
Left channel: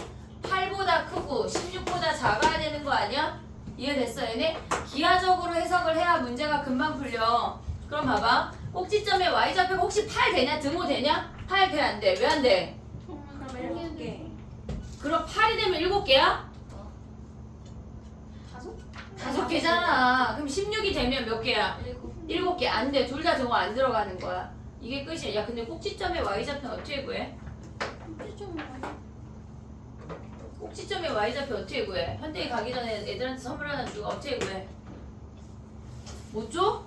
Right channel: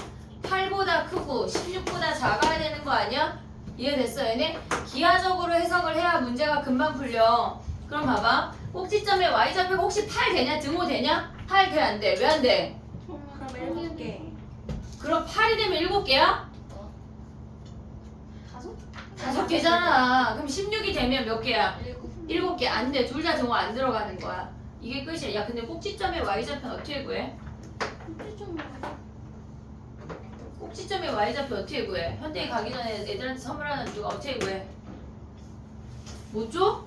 8보다 크고 16보다 작아야 되는 거 아니야? 이해됐어 얘네? 기하적으로 해석을 해야 문제가 금방 풀려. 그럼 봐봐. 꼭지점의 y좌표가 혹시 8 되냐? 등호 되냐? 8 돼? 안 돼? 왜 안 돼? 그럼 7개. 그럼 8이 되면 7개야? 5개잖아. 그럼 16이 되면 몇 개야? 7개. 안 돼. 둘 다 등호 안 들어가는 거야. 이게 끝이야. 야 근데 꼭지점의 y좌표는 어떻게 구해? 꼭지점의 y좌표 어떻게 구해? 현대에 가기 전에 애들한테 선물 하나 주고 어떻게 구해? 못 줘?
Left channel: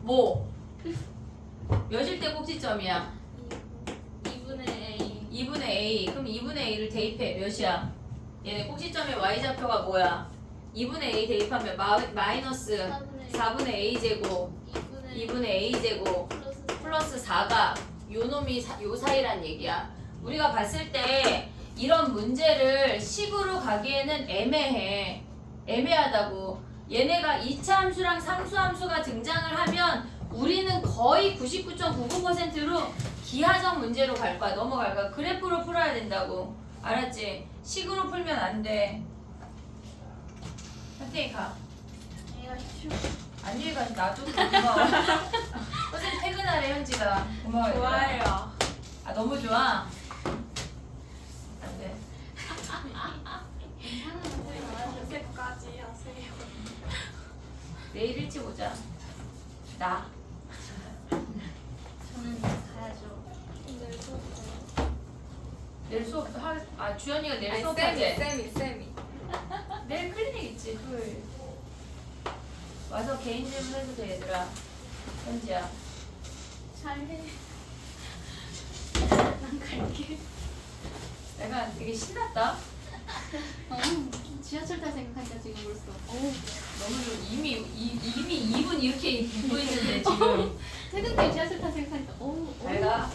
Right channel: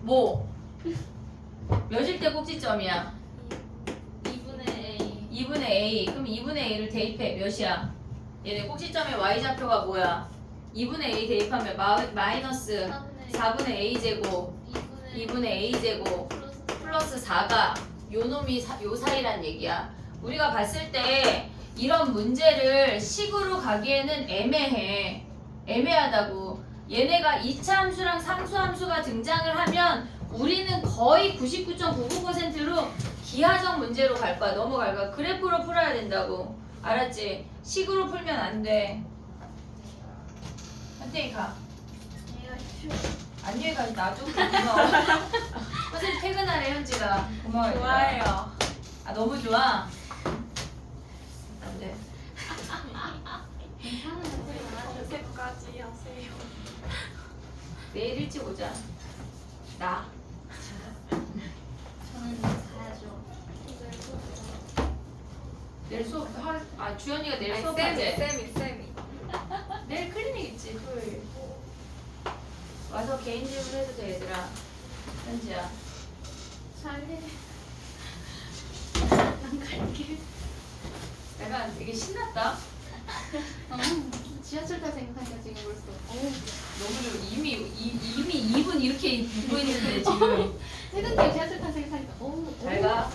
뭐? 몇일 때 꼭지점이야? 2분의 A 2분의 a. 그럼 2분의 a를 대입해. 몇이야? 얘네 꼭지점의 y좌표가 뭐야? 2분의 a 대입하면 마이너스 4분의 a제곱 2분의 a제곱 플러스 4가 요 놈이 요 사이란 얘기야. 우리가 봤을 때 이런 문제를 식으로 가기에는 애매해. 애매하다고. 얘네가 이차함수랑 상수함수가 등장을 하면 우리는 거의 99.99%로 기하적 문제로 갈 거야. 넘어갈 거야. 그래프로 풀어야 된다고. 알았지? 식으로 풀면 안 돼. 선생님 가. 안녕히 가서 나도 고마워. 선생님 퇴근하래 현지가. 고마워요. 좋아요. 아 너무 좋아? 안 돼. 요새까지 하세요. 내일 일찍 오자. 나. 저는 가야죠. 내일 수업 아 주연이가 내일 아니, 수업하게. 쌤이. 내일 클리닉 있지 토요일. 와서 개인 질문 해도 돼 얘들아. 현지야. 잘해. 난 갈게. 내가 되게 신났다. 지하철 탈 생각하니까 지금 벌써. 너무 좀 이미 2분 이렇게 입고 있는데 지금. 퇴근길 지하철 탈 생각하니까. 잘 가.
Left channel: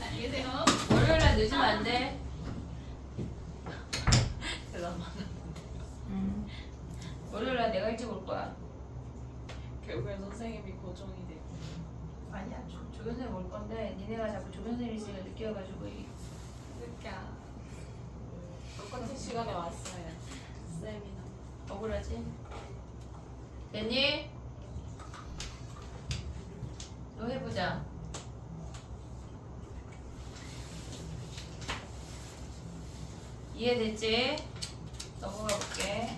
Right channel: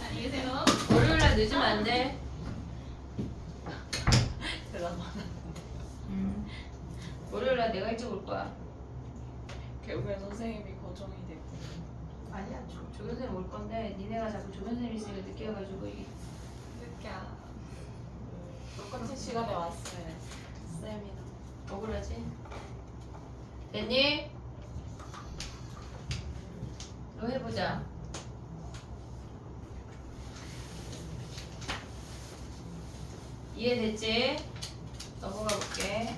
안녕히 계세요. 월요일 날 늦으면 안 돼. 잠깐만. 월요일 날 내가 일찍 올 거야. 결국엔 선생님이 고정이 되고. 아니야 조교선생님 올 건데 니네가 자꾸 조교선생님 있으니까 늦게 와가지고 늦게 똑같은 시간에 왔어요. 쌤이랑. 억울하지? 됐니? 너 해보자. 이해됐지? 넘어가 볼게.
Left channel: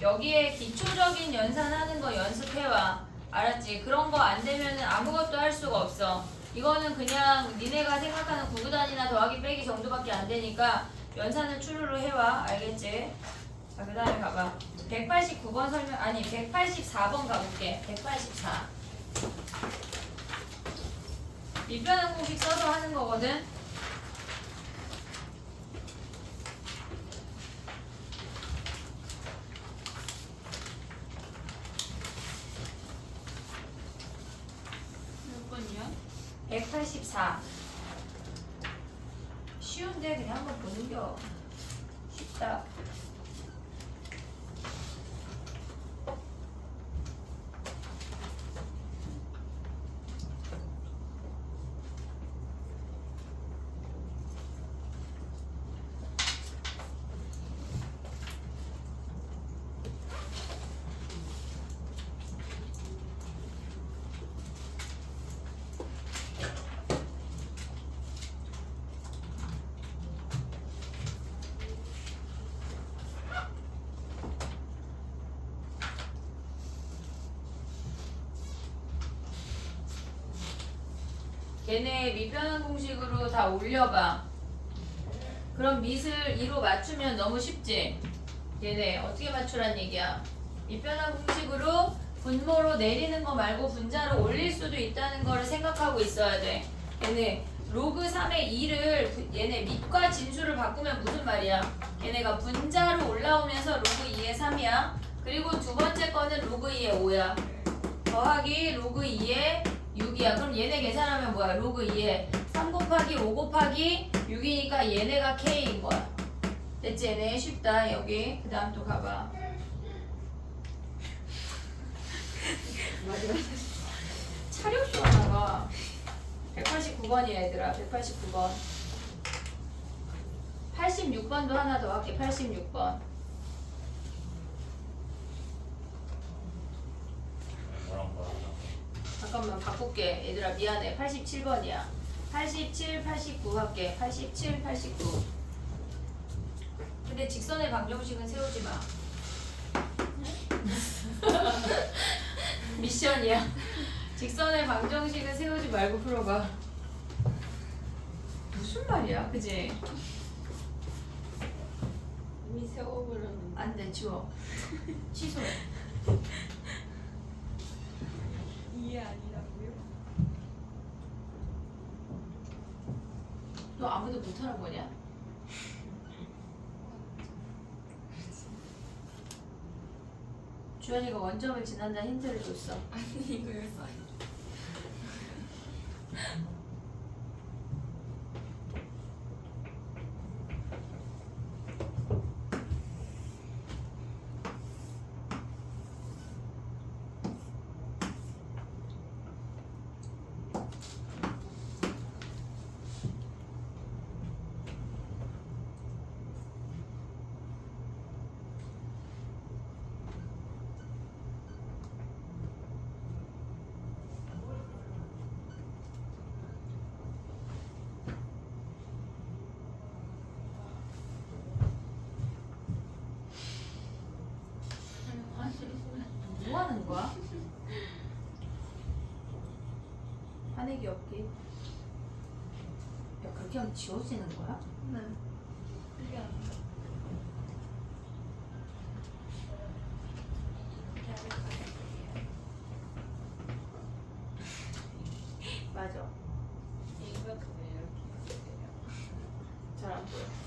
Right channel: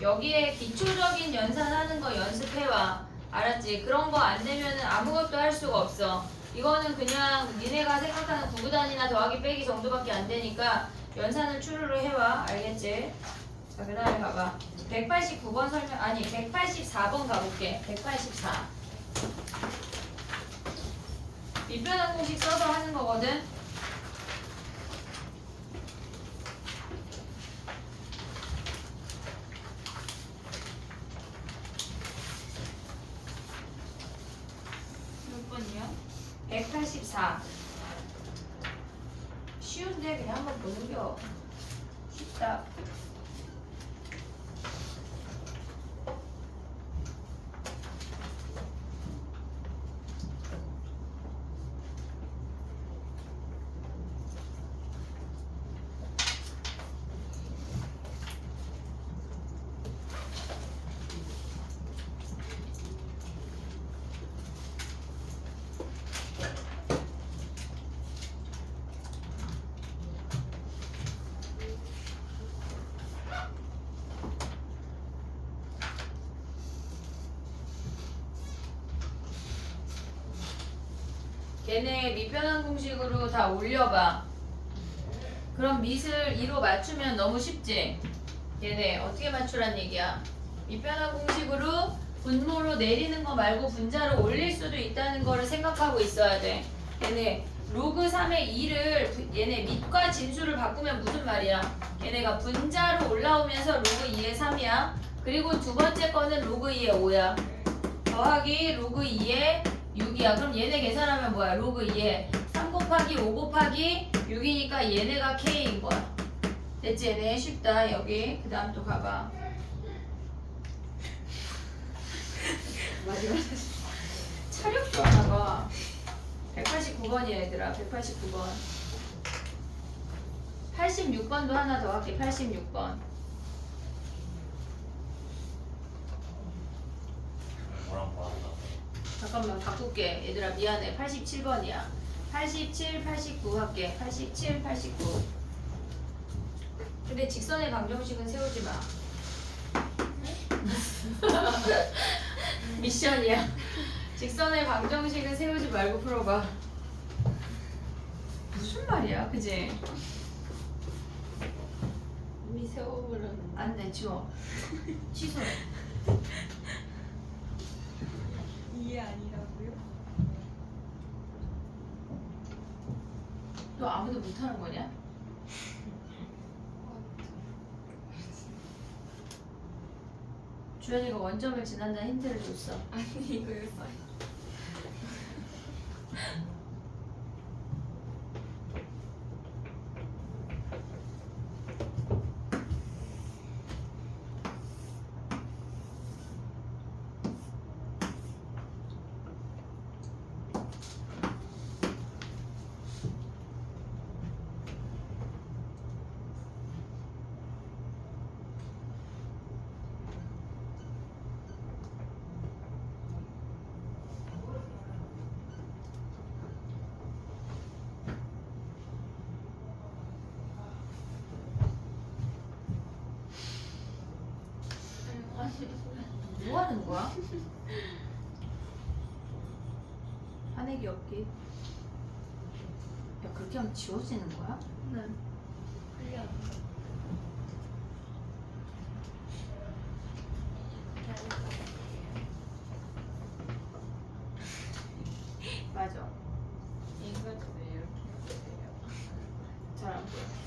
여기에 기초적인 연산하는 거 연습해와. 알았지? 그런 거 안 되면 아무것도 할 수가 없어. 이거는 그냥 니네가 생각하는 구구단이나 더하기 빼기 정도밖에 안 되니까 연산을 추루루 해와. 알겠지? 자, 그 다음에 봐봐. 189번 설명, 아니, 184번 가볼게. 184. 밑변환 공식 써서 하는 거거든. 몇 번이야? 184. 쉬운데 그냥 한번 보는겨. 쉽다. 얘네 밑변환 공식으로 다 올려봐. 그럼 밑을 2로 맞추면 너무 쉽지? 얘네 어떻게 맞추란 얘기야? 밑변환 공식으로 분모로 내리는 거 말고 분자로 올릴 수도 있다는 거를 생각하고 있어야 돼. 얘네 로그 3의 2를 얘네 밑과 진수를 바꾸면 무슨 말이야? 얘네가 분자로 올라오면서 로그 2의 3이야. 그리고 두 번째 거는 로그 2의 5야. 더하기 로그 2의 6이야. 그럼 얘네 계산하면 뭐야? 로그 2에 3 곱하기 5 곱하기 6이니까 얘네가 K인 거야. 됐지? 얘네 쉽다. 여기 그 다음 또 가봐. 차력도 하나 봐. 189번이야 얘들아. 189번. 86번도 하나 더 할게. 86번. 뭐랑 잠깐만 바꿀게. 얘들아 미안해. 87번이야. 87, 89 할게. 87, 89. 근데 직선의 방정식은 세우지 마. 미션이야. 직선의 방정식은 세우지 말고 풀어봐. 무슨 말이야, 그지? 이미 세워버렸는데. 안 돼, 지워. 취소해. 이해 아니라고요? 너 아무도 못하는 거냐? 주현이가 원점을 지난다는 힌트를 줬어. 아니 이거 써. 뭐 하는 거야? 화내기 없기. 야, 그렇게 하면 지워지는 거야? 응. 그게 안 돼. 맞아. 이거도 이렇게 해요. 잘 안 보여.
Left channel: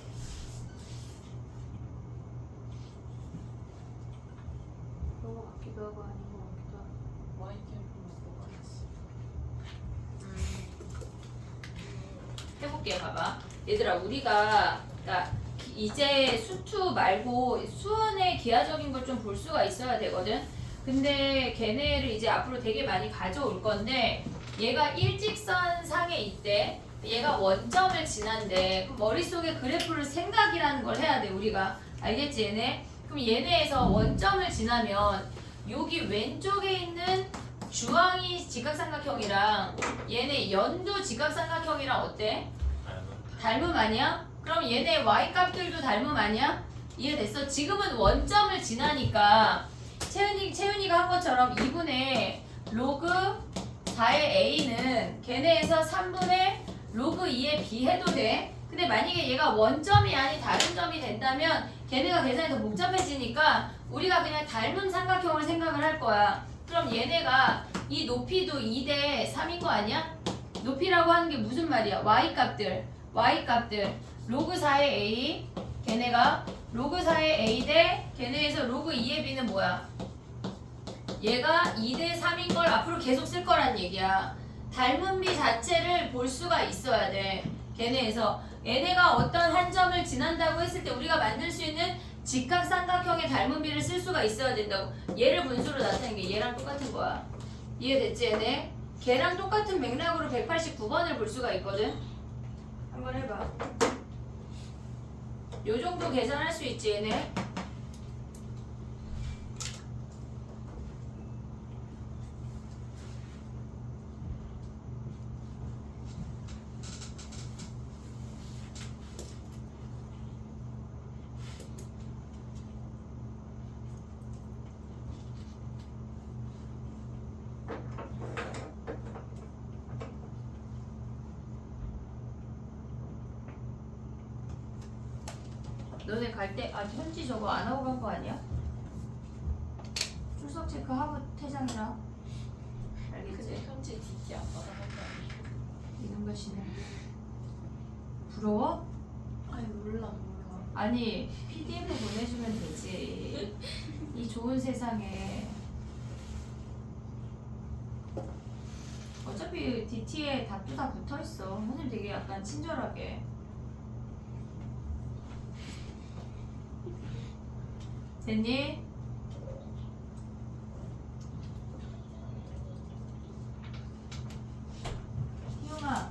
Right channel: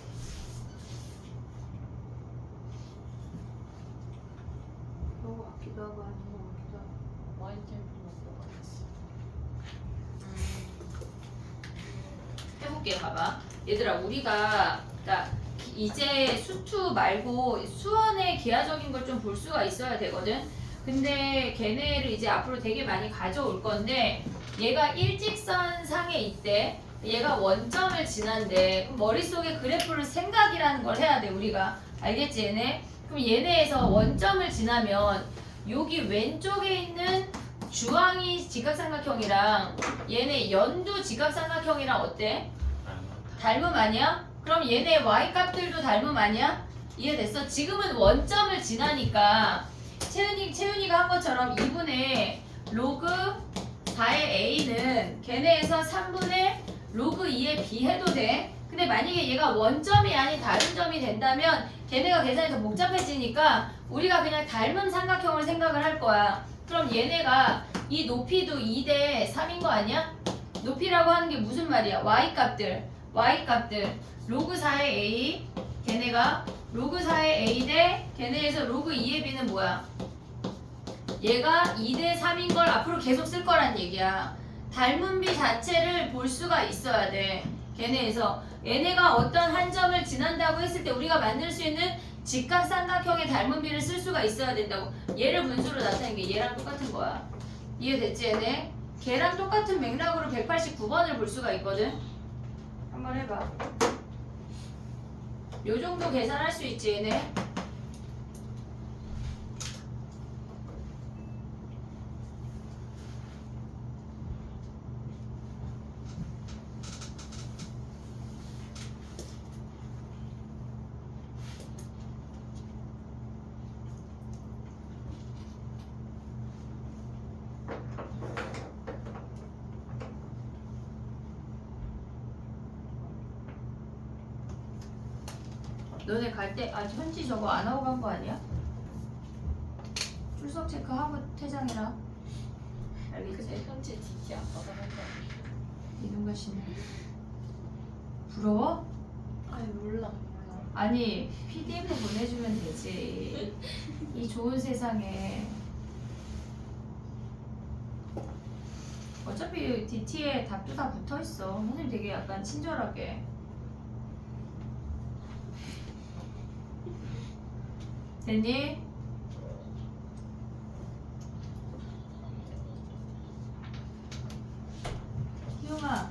아끼도 하고 하는 거 같기도 하고. 와인 캠프 먹고 가겠어. 해볼게. 봐봐. 얘들아, 우리가 그러니까 이제 수투 말고 수원의 기하적인 걸 좀 볼 수가 있어야 되거든. 근데 걔네를 이제 앞으로 되게 많이 가져올 건데 얘가 일직선 상에 있대. 얘가 원점을 지난대. 그럼 머릿속에 그래프를 생각이라는 걸 해야 돼, 우리가. 알겠지, 얘네? 그럼 얘네에서 원점을 지나면 여기 왼쪽에 있는 주황이 직각삼각형이랑 얘네 연두 직각삼각형이랑 어때? 닮음 아니야? 그럼 얘네 y 값들도 닮음 아니야? 이해됐어? 지금은 원점을 지나니까 채윤이가 한 것처럼 2분의 로그 4의 a는 걔네에서 3분의 로그 2의 b 해도 돼. 근데 만약에 얘가 원점이 아닌 다른 점이 된다면 걔네가 계산이 더 복잡해지니까 우리가 그냥 닮은 삼각형을 생각을 할 거야. 그럼 얘네가 이 높이도 2대 3인 거 아니야? 높이라고 하는 게 무슨 말이야? y값들 로그 4의 a 걔네가 로그 4의 a 대 걔네에서 로그 2의 b는 뭐야? 얘가 2대 3인 걸 앞으로 계속 쓸 거란 얘기야. 닮은 비 자체를 볼 수가 있어야 돼. 걔네에서 얘네가 어떤 한 점을 지난다고 했을 때 우리가 만들 수 있는 직각삼각형의 닮은 비를 쓸 수가 있어야 된다고. 얘를 분수로 나타낸 게 얘랑 똑같은 거야. 이해됐지 얘네? 걔랑 똑같은 맥락으로 189번을 볼 수가 있거든. 한번 해봐. 요 정도 계산할 수 있지 얘네? 너네 갈 때 아직 현지 저거 안 하고 간 거 아니야? 출석 체크하고 퇴장이라. 근데 알겠지? 현재 DT 안 받아간 거 아니야? 이는 것이네. 부러워? 아니 몰라. 아니 PDF 보내주면 되지. 이 좋은 세상에. 어차피 DT에 답도 다 붙어 있어. 선생님 되게 약간 친절하게. 됐니? 희웅아.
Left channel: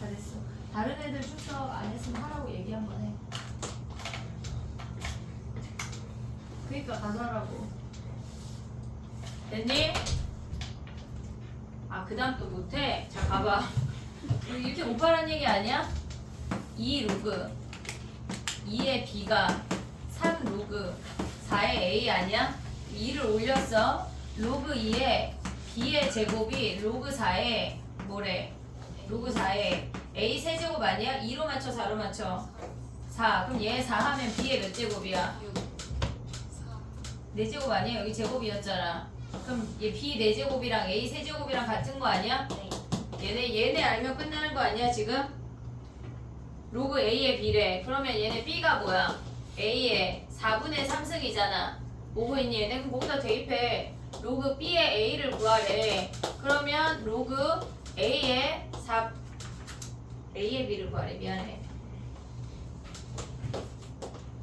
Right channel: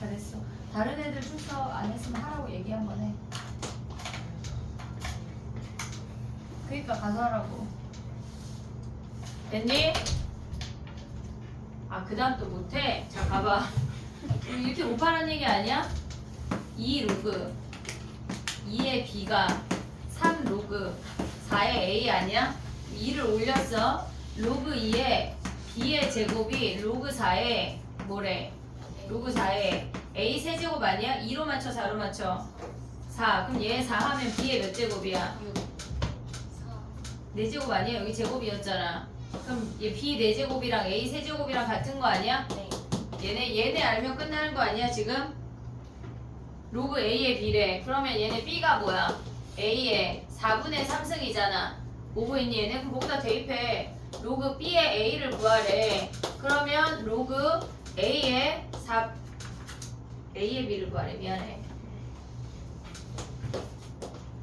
잘했어. 다른 애들 출석 안 했으면 하라고 얘기 한번 해. 그니까 가서 하라고. 됐니? 아, 그 다음 또 못해? 자, 가봐. 이렇게 못하라는 얘기 아니야? 2 로그 2의 b가 3 로그 4의 a 아니야? 2를 올렸어. 로그 2의 b의 제곱이 로그 4의 뭐래? 로그 4의 a 세제곱 아니야? 2로 맞춰 4로 맞춰? 4. 그럼 얘 4 하면 b의 몇 제곱이야? 6 4제곱 아니야? 여기 제곱이었잖아. 그럼 얘 b 4제곱이랑 a 세제곱이랑 같은 거 아니야? 얘네 알면 끝나는 거 아니야 지금? 로그 a의 b래. 그러면 얘네 b가 뭐야? a의 4분의 3승이잖아. 보고 있니 얘네? 그럼 거기다 대입해. 로그 b의 a를 구하래. 그러면 로그 a의 b를 구하래. 미안해.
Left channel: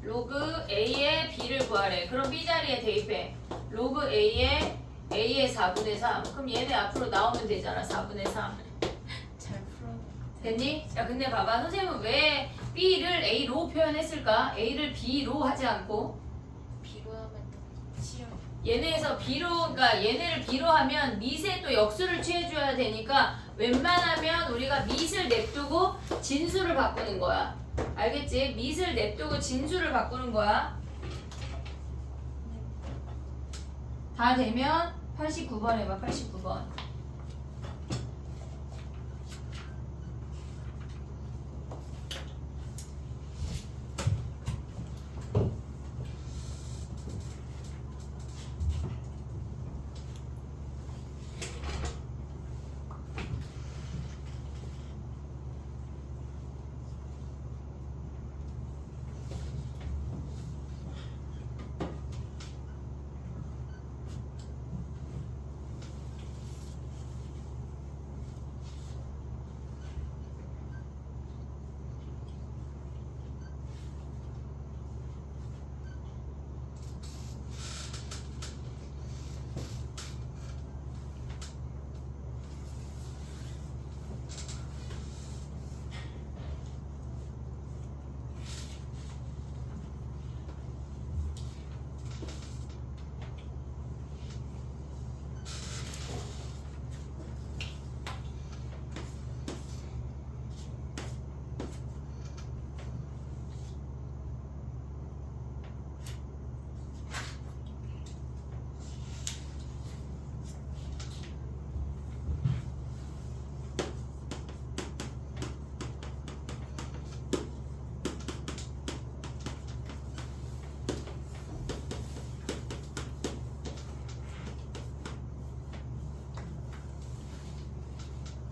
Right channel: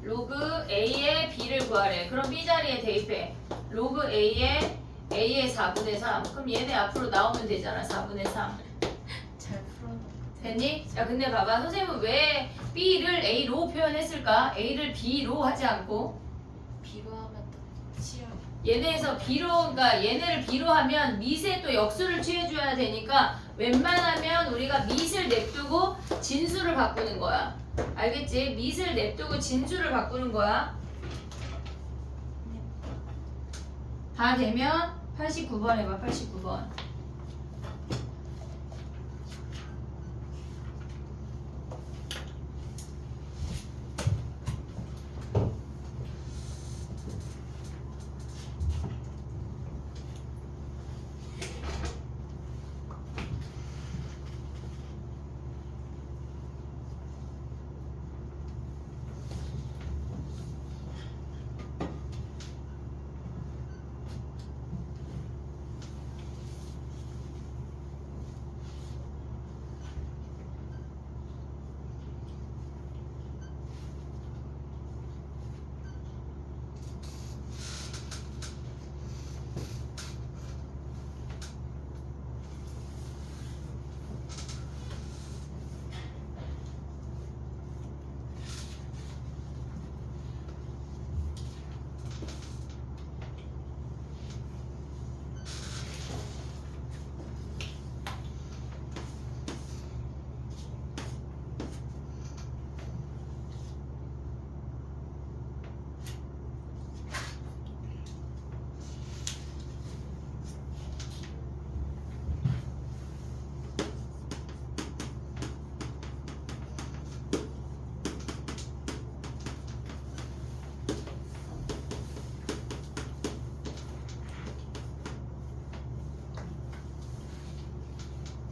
로그 a의 b를 구하래. 그럼 b 자리에 대입해. 로그 a의 4분의 3. 그럼 얘네 앞으로 나오면 되잖아. 4분의 3. 잘 풀어. 됐니? 야 근데 봐봐. 선생님은 왜 b를 a로 표현했을까? a를 b로 하지 않고 비교하면 또 치열. 얘네에서 b로, 그러니까 얘네를 b로 하면 밑에 또 역수를 취해줘야 되니까 웬만하면 우리가 밑을 냅두고 진수를 바꾸는 거야. 알겠지? 밑을 냅두고 진수를 바꾸는 거야. 다 되면 89번 해봐. 89번.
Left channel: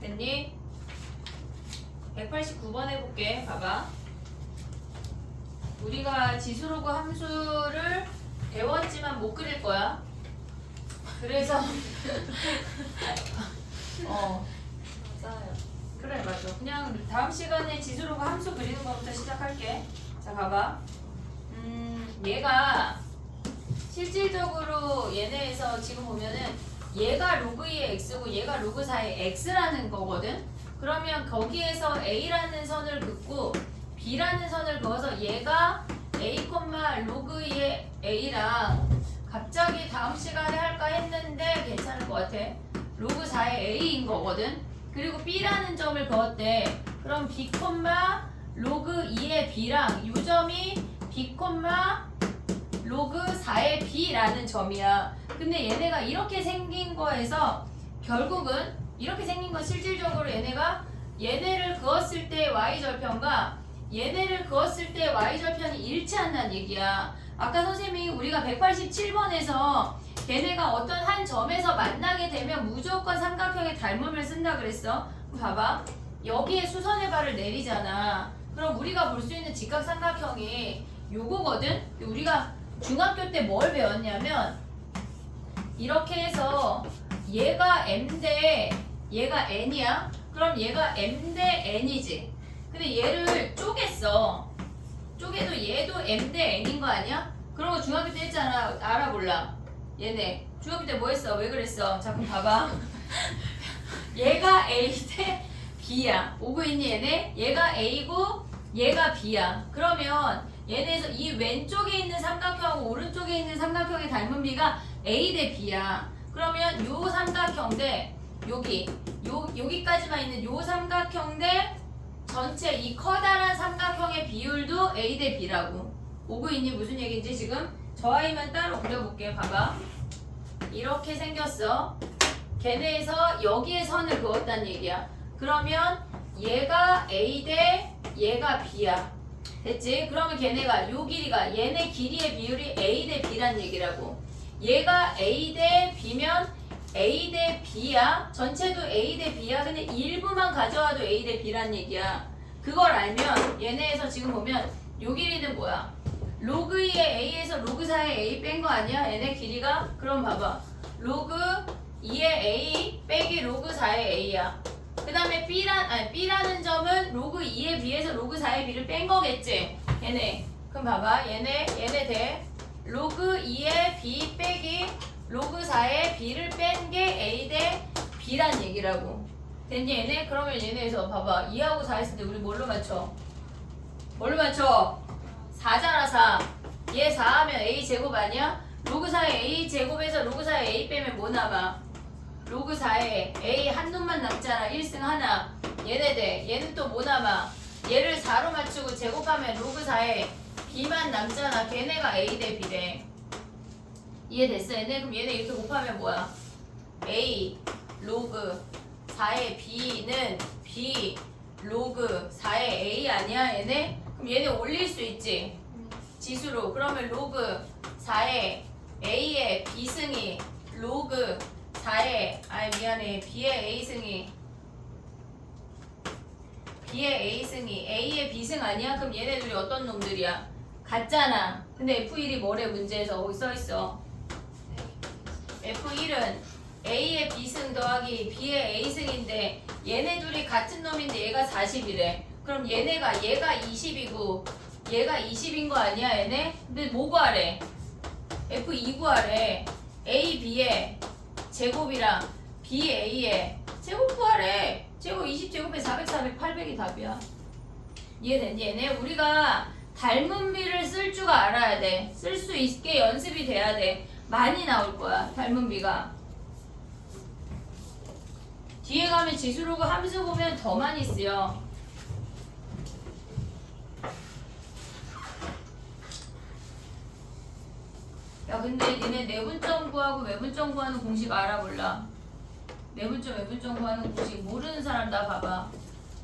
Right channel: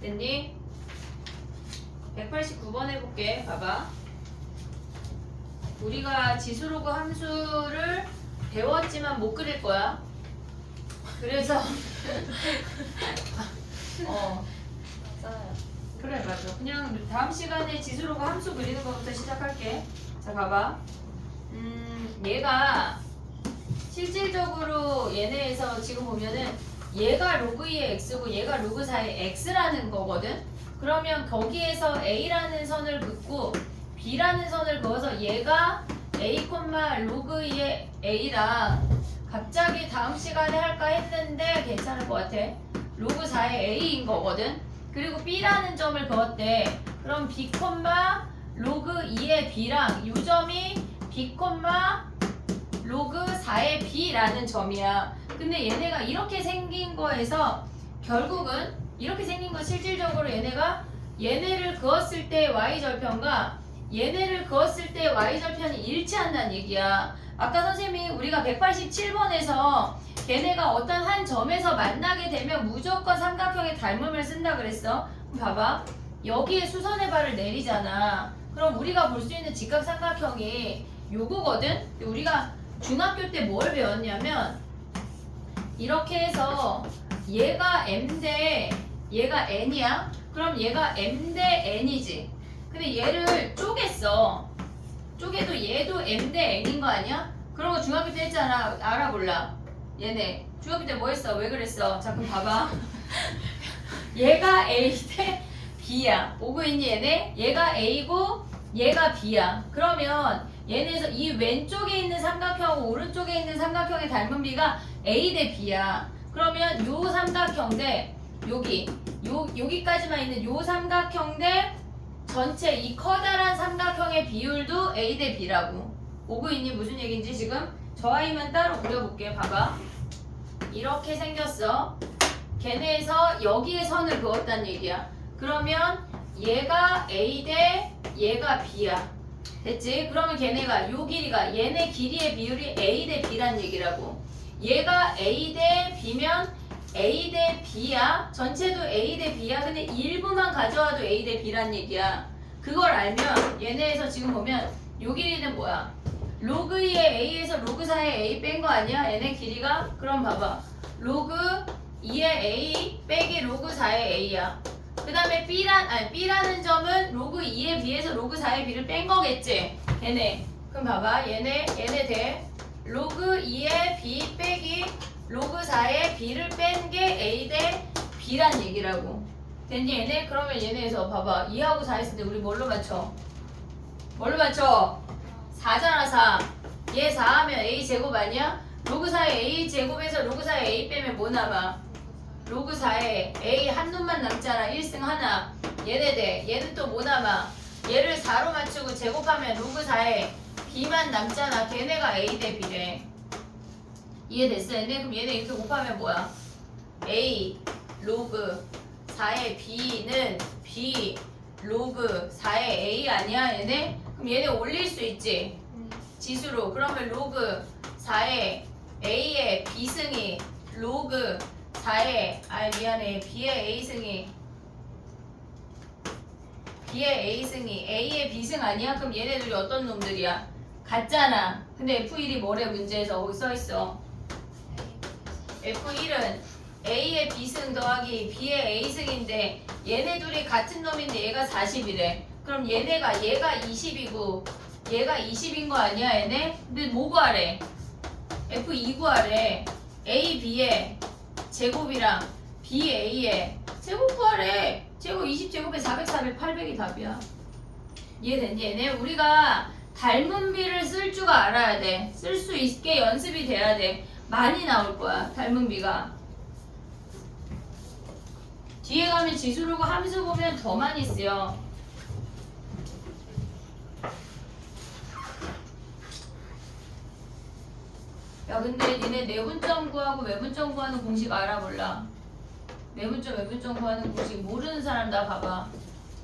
됐니? 189번 해볼게. 봐봐. 우리가 지수로그 함수를 배웠지만 못 그릴 거야. 그래서 맞아요. 그래 맞아. 그냥 다음 시간에 지수로그 함수 그리는 것부터 시작할게. 자 봐봐. 얘가 실질적으로 얘네에서 지금 보면은 얘가 로그 2의 x고 얘가 로그 4의 x라는 거거든. 그러면 거기에서 a라는 선을 긋고 b라는 선을 그어서 얘가 a, 로그 2의 a랑 갑자기 다음 시간에 할까 했는데 괜찮을 것 같아. 로그 4의 a인 거거든. 그리고 b라는 점을 그었대. 그럼 b, 로그 2의 b랑 이 점이 b, 로그 4의 b라는 점이야. 근데 얘네가 이렇게 생긴 거에서 결국은 이렇게 생긴 건 실질적으로 얘네가 얘네를 그었을 때 y절편과 얘네를 그었을 때 y절편이 일치한다는 얘기야. 아까 선생님이 우리가 187번에서 걔네가 어떤 한 점에서 만나게 되면 무조건 삼각형의 닮음을 쓴다 그랬어. 그럼 봐봐. 여기에 수선의 발을 내리잖아. 그럼 우리가 볼 수 있는 직각삼각형이 요거거든? 우리가 중학교 때 뭘 배웠냐면 이렇게 해서 얘가 m대 얘가 n이야? 그럼 얘가 m대 n이지. 근데 얘를 쪼갰어. 쪼개도 얘도 m대 n인 거 아니야? 그런 거 중학교 때 했잖아. 알아 몰라? 얘네 중학교 때 뭐 했어? 왜 그랬어? 자 그럼 봐봐. 얘가 a 대 b야. 오고 있니 얘네? 얘가 a고 얘가 b야. 그러면 얘네에서 이 왼쪽에 있는 삼각형하고 오른쪽에 있는 삼각형의 닮은 비가 a 대 b야. 그러면 요 삼각형 대 여기까지만 있는 요 삼각형 대 전체 이 커다란 삼각형의 비율도 a 대 b라고. 오고 있니? 무슨 얘기인지 지금 저 아이만 따로 그려볼게. 봐봐. 이렇게 생겼어. 걔네에서 여기에 선을 그었단 얘기야. 그러면 얘가 a 대 얘가 b야. 됐지? 그러면 걔네가 요 길이가 얘네 길이의 비율이 a 대 b란 얘기라고. 얘가 a 대 b면 a 대 b야. 전체도 a 대 b야. 근데 일부만 가져와도 a 대 b란 얘기야. 그걸 알면 얘네에서 지금 보면 요 길이는 뭐야? 로그 2의 a에서 로그 4의 a 뺀 거 아니야? 얘네 길이가? 그럼 봐봐. 로그 2의 a 빼기 로그 4의 a야. 그 다음에 b라는 점은 로그 2의 b에서 로그 4의 b를 뺀 거겠지? 얘네. 그럼 봐봐. 얘네 대 로그 2의 b 빼기 로그 4의 b를 뺀 게 a 대 b란 얘기라고. 됐니 얘네? 그러면 얘네에서 봐봐. 2하고 4 했을 때 우리 뭘로 맞춰? 뭘로 맞춰? 4잖아 4. 얘 4하면 a 제곱 아니야? 로그 4의 a 제곱에서 로그 4의 a 빼면 뭐 남아? 로그 4에 a 한 놈만 남잖아. 1승 하나. 얘네 대 얘는 또 뭐 남아? 얘를 4로 맞추고 제곱하면 로그 4에 b만 남잖아. 걔네가 a 대 b래. 이해됐어 얘네? 그럼 얘네 이렇게 곱하면 뭐야? a 로그 4의 b는 b 로그 4의 a 아니야 얘네? 그럼 얘네 올릴 수 있지? 지수로. 그러면 로그 4의 a의 b승이 로그 4의 b의 a승이 a의 b승 아니야? 그럼 얘네들이 어떤 놈들이야? 같잖아. 근데 F1이 뭐래 문제에서 거기 써있어. F1은 a의 b승 더하기 b의 a승인데 얘네 둘이 같은 놈인데 얘가 40이래. 그럼 얘가 20이고 얘가 20인 거 아니야 얘네? 근데 뭐 구하래? F2 구하래. a b의 제곱이랑 b a의 제곱 구하래. 제곱 20제곱에 400, 400, 800이 답이야. 이해됐니 얘네? 우리가 닮은 비를 쓸 줄 알아야 돼. 쓸 수 있게 연습이 돼야 돼. 많이 나올 거야 닮은 비가. 뒤에 가면 지수로그 함수 보면 더 많이 쓰여. 야 근데 니네 내분점 구하고 외분점 구하는 공식 알아 몰라? 내분점 외분점 구하는 공식 모르는 사람 나 봐봐.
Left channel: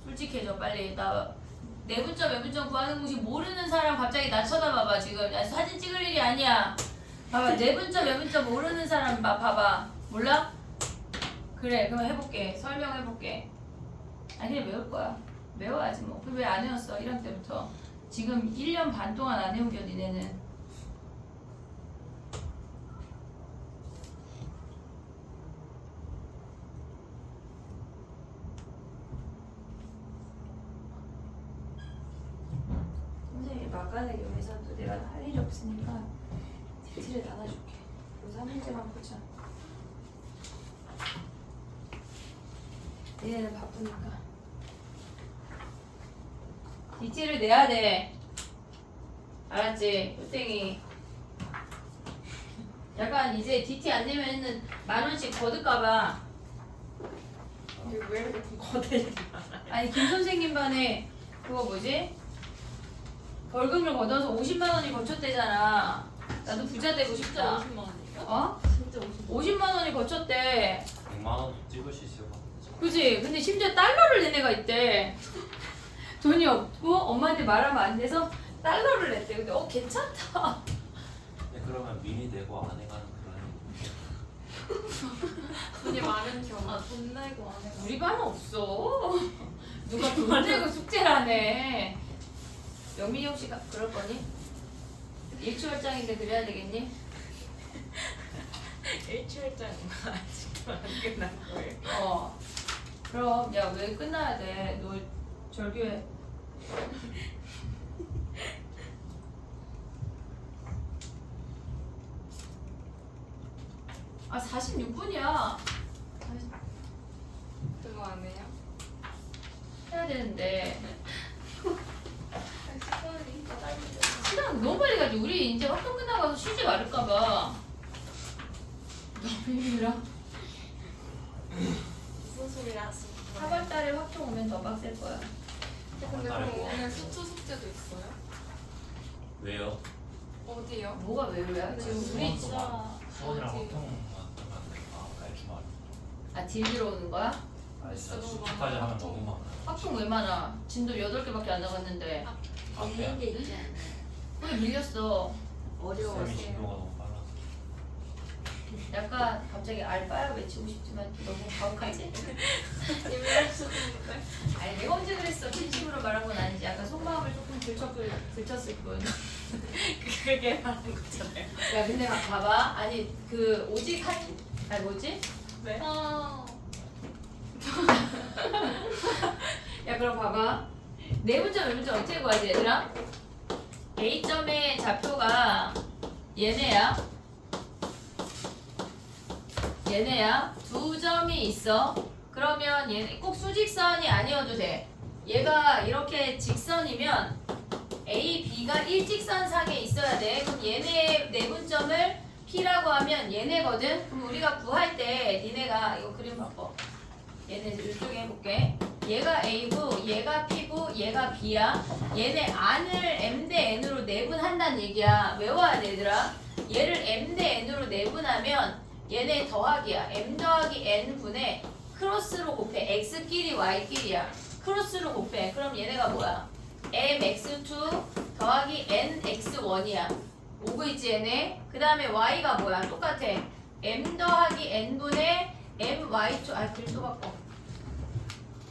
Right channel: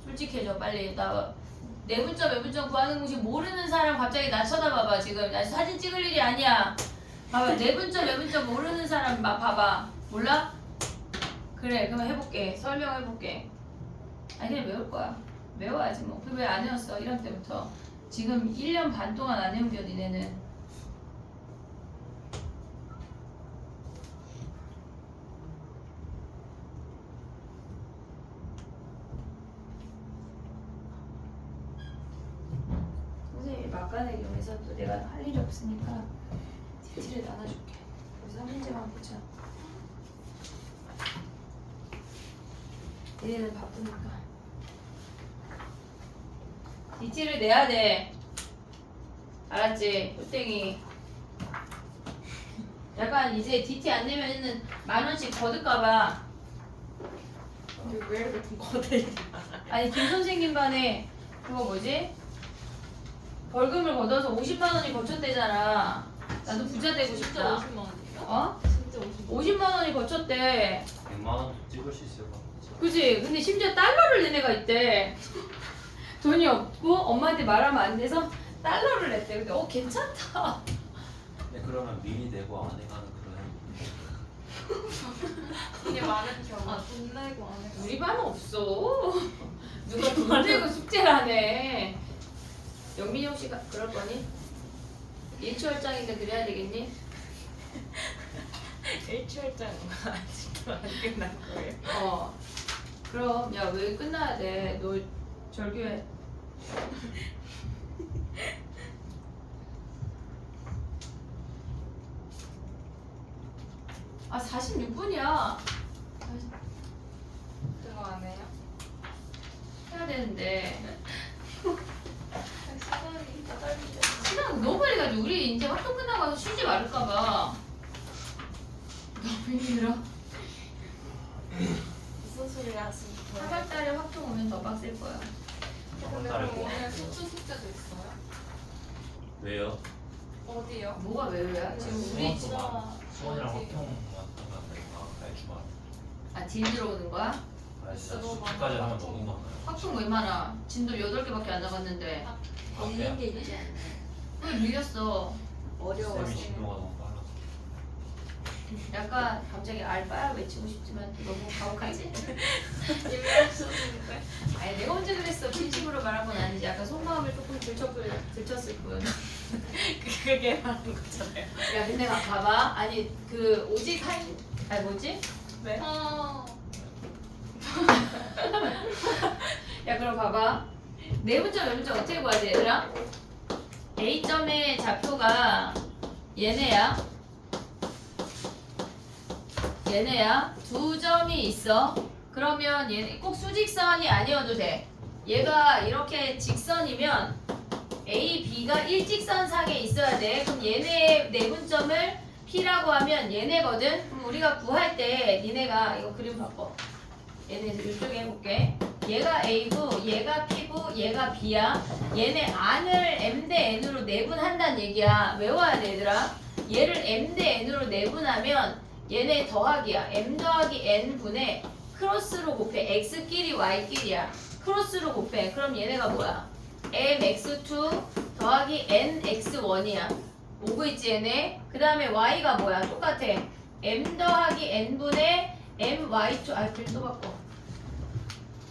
솔직해져 빨리. 나 내분점 외분점 구하는 공식 모르는 사람 갑자기 나 쳐다봐봐. 지금 나 사진 찍을 일이 아니야. 봐봐. 내분점 외분점 모르는 사람 봐봐. 몰라? 그래 그러면 해볼게. 설명해볼게. 아니 그냥 외울 거야. 외워야지 뭐. 그 왜 안 외웠어? 1학 때부터. 지금 1년 반 동안 안 외운 겨 니네는. 선생님이 막간의 경우에서 또 내가 할 일이 없으니까 디테일을 나눠줄게. 그래서 한 문제만 보자. 얘는 바쁘니까 디티를 내야 돼. 알았지? 땡이. 약간 이제 디티 안 내면은 10,000원씩 거둘까봐. 근데 왜 이렇게 거대지? 아니 김 선생님 반에 그거 뭐지? 벌금을 걷어서 50만 원이 거쳤대잖아. 나도 부자 되고 진짜 싶다. 50만 원인가? 어? 진짜 50만 50만 원이 거쳤대. 100만 원 찍을 수 있을 것 같아. 그지? 근데 심지어 달러를 낸 애가 있대. 돈이 없고 엄마한테 말하면 안 돼서 달러를 냈대. 근데 괜찮다. 근데 그러면 미리 내고 안 해가는 그런 이게 많은 경우. 돈 내고 안 해. 우리 반은 없어. 누가 돈 내고 숙제를 하네. 영민이 혹시 그럴 거니? 일초월장인데 그래야 되겠니? 일주일짜리 아직도 안 끝난 거예요. 그럼 야 왜 끝나야 돼? 너 절교해. 아 46분이야. 그거 안 해요? 해야 되는데 시간이 짧은데. 시간 너무 빨리 가지. 우리 이제 학교 끝나고 와서 쉬지 말을까봐. 너무 힘들어. 무슨 소리 하시는 거예요? 4월달에 학교 오면 더 빡셀 거야. 근데 달에 그럼 뭐? 오늘 수투 숙제도 있어요? 왜요? 어디요? 뭐가 왜 그래? 지금 우리 수원 진짜 수원이랑 어디? 화평만 나간다니까. 주말. 딜 들어오는 거야? 아 진짜 주까지 하면 너무 많아요. 학종 왜 많아? 진도 8개밖에 안 나갔는데 없는 게 있지 않나요? 왜 밀렸어? 쌤이 진도가 너무 빨라서. 약간 갑자기 알바야 외치고 싶지만 이거 뭐 가혹하지? 이미 하셨는데. 아니 내가 언제 그랬어? 진심으로 말한 건 아니지. 약간 속마음을 조금 들쳤을 뿐. 그게 말하는 거잖아요. 야 근데 봐봐. 아니 그 오직 아니 뭐지? 네? 야 그럼 봐봐. 네 문자 몇 문자 어떻게 구하지 얘들아? A점의 좌표가 얘네야. 얘네야. 2점이 있어. 그러면 얘네 꼭 수직선이 아니어도 돼. 얘가 이렇게 직선이면 A, B가 일직선상에 있어야 돼. 그럼 얘네의 내분점을 P라고 하면 얘네거든. 그럼 우리가 구할 때 니네가 이거 그림 바꿔. 얘네 이쪽에 해볼게. 얘가 A고 얘가 P고 얘가 B야. 얘네 안을 M 대 N으로 내분한다는 얘기야. 외워야 돼 얘들아. 얘를 M 대 N으로 내분하면 얘네 더하기야. M 더하기 N 분의 크로스로 곱해. X끼리 Y끼리야. 크로스로 곱해. 그럼 얘네가 뭐야? MX2 더하기 NX1이야. 오고 있지 얘네? 그 다음에 Y가 뭐야? 똑같아. M 더하기 N분의 MY2 그림 또 바꿔.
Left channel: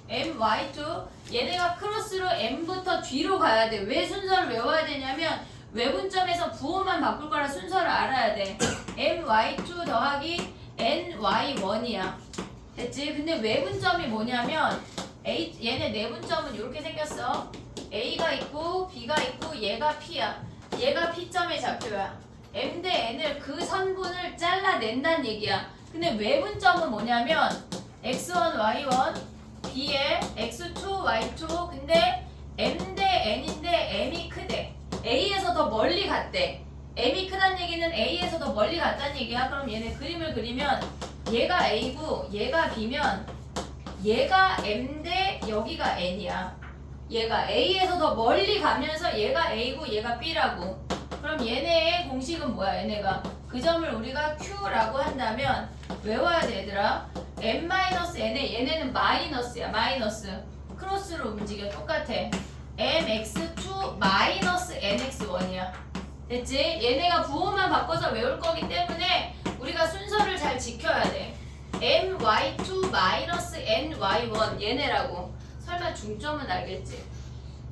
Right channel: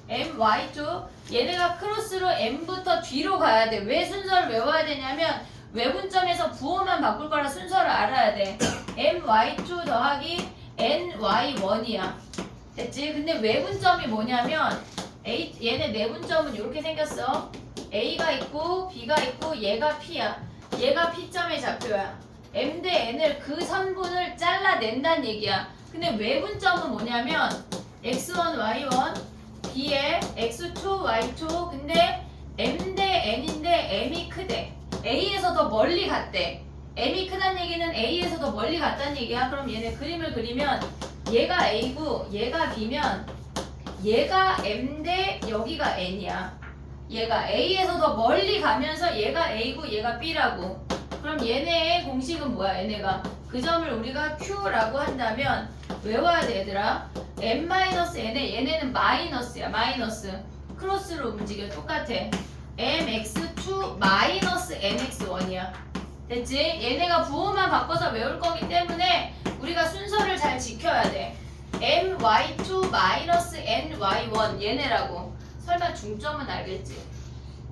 MY2 얘네가 크로스로 M부터 뒤로 가야 돼. 왜 순서를 외워야 되냐면 외분점에서 부호만 바꿀 거라 순서를 알아야 돼. MY2 더하기 NY1이야. 됐지? 근데 외분점이 뭐냐면 얘네 내분점은 이렇게 생겼어. A가 있고 B가 있고 얘가 P야. 얘가 P점의 좌표야. M 대 N을 그 선분을 잘라낸다는 얘기야. 근데 외분점은 뭐냐면 X1, Y1, B에 X2, Y2 근데 M 대 N인데 M이 크대. A에서 더 멀리 갔대. M이 크다는 얘기는 A에서 더 멀리 갔다는 얘기야. 그럼 얘네 그림을 그리면 얘가 A고 얘가 B면 얘가 M 대 여기가 N이야. 얘가 A에서 더 멀리 가면서 얘가 A고 얘가 B라고. 그럼 얘네의 공식은 뭐야? 얘네가 그 점을 우리가 Q라고 한다면 외워야 돼 얘들아. M-N에 얘네는 마이너스야. 마이너스. 크로스로 움직여. 똑같아. MX2 마이너스 MX1이야. 됐지? 얘네가 부호만 바꿔서 외울 거기 때문에 우리가 순서를 잘 지켜야 돼. MY2 마이너스 NY1 얘네라고. 설마 중점은 알겠지?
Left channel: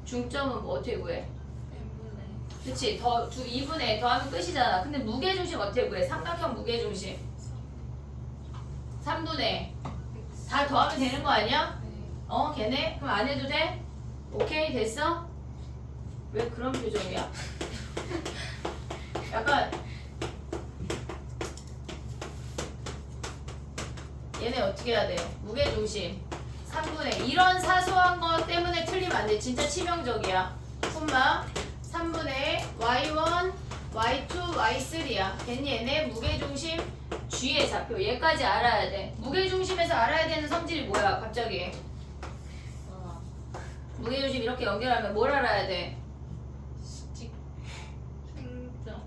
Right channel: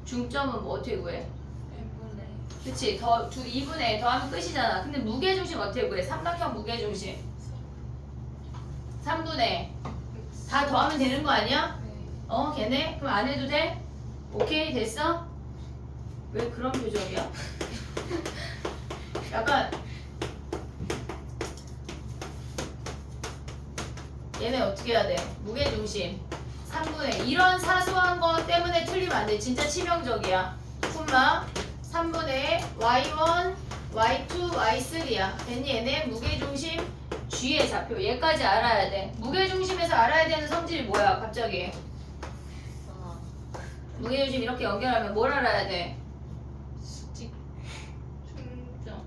중점은 뭐 어떻게 구해? n분의 그치? 2분의 더하면 끝이잖아. 근데 무게중심 어떻게 구해? 삼각형 무게중심 3분의 다 더하면 되는 거 아니야? 네. 걔네? 그럼 안 해도 돼? 오케이 됐어? 왜 그런 표정이야? 약간 얘네 어떻게 해야 돼? 무게중심 3분의 이런 사소한 거 때문에 틀리면 안 돼. 진짜 치명적이야. 콤마 3분의 y1, y2, y3야. 됐니? 얘네 무게중심 G의 좌표. 얘까지 알아야 돼. 무게중심에서 알아야 되는 성질이 뭐야? 갑자기 무게중심 이렇게 연결하면 뭘 알아야 돼? 수직 중점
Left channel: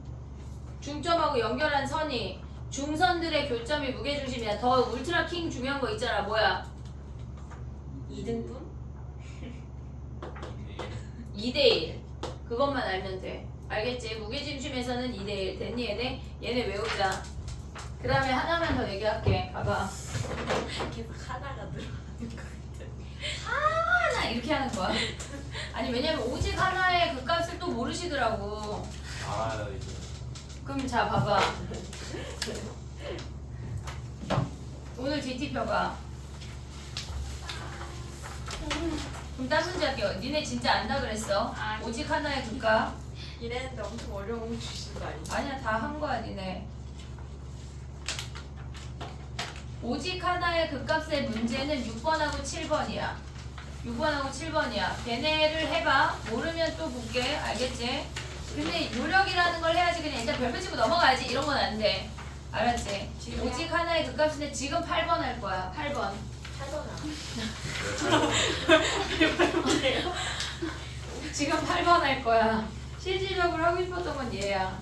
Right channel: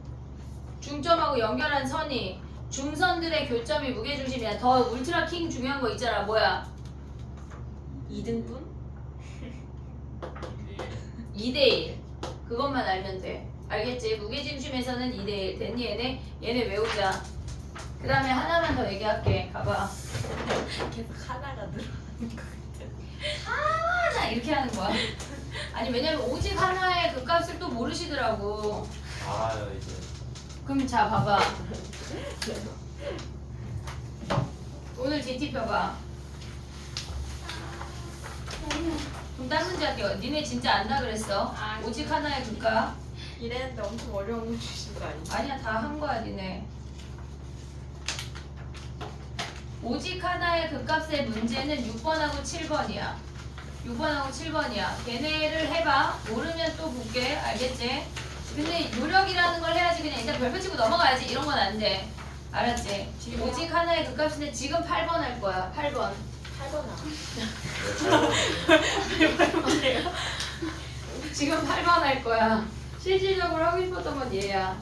중점하고 연결한 선이 중선들의 교점이 무게중심이야. 더 울트라 킹 중요한 거 있잖아. 뭐야? 2등분? 2대1 그것만 알면 돼. 알겠지? 무게중심에서는 2대1 됐니 얘네? 얘네 외우자. 그 다음에 하나만 더 얘기할게. 가봐. 계속 하나가 들어가는 거 같아. 하나 이렇게 하는 거야. 아니 왜냐면 오직 하나의 그 값을 또 모르시더라고. 알아요 이제. 그럼 자 봐봐. 오늘 DT 펴봐. 그럼 다른 문제 할게요. 니네 진짜 안다 그랬어? 오직 하나의 그 값. 이랬는데 엄청 어려운 거 주신 거 아니지? 아니야 다 한 거야 니네. 오직 하나의 극값의 문제는 6번하고 7번이야. 6번하고 7번이야. 얘네를 해봐. 모르면 또 볼게. 알겠지? 근데 요령이라는 걸 해야지. 그냥 일단 별표 치고 넘어가야지. 이런 건 안 돼. 알았지? 오직 하나의 극값인데 지금 8번 할 거야. 8번. 8번아. 지금 8번 할 거야. 실질적으로 하고 싶었던 건 얘야.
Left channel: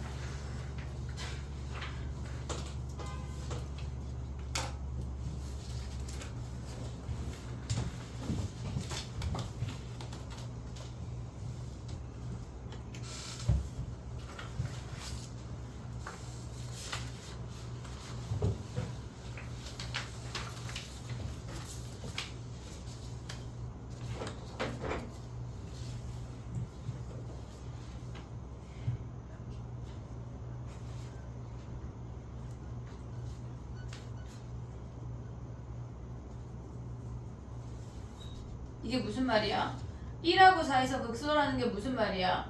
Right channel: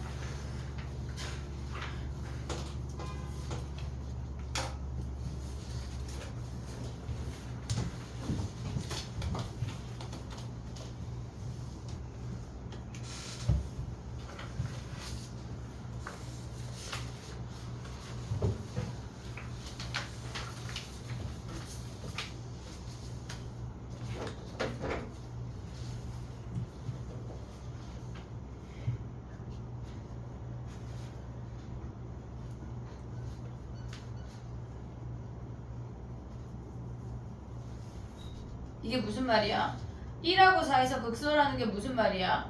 이게 무슨 말이야? 1하고 4에서 극소라는 게 무슨 말이야?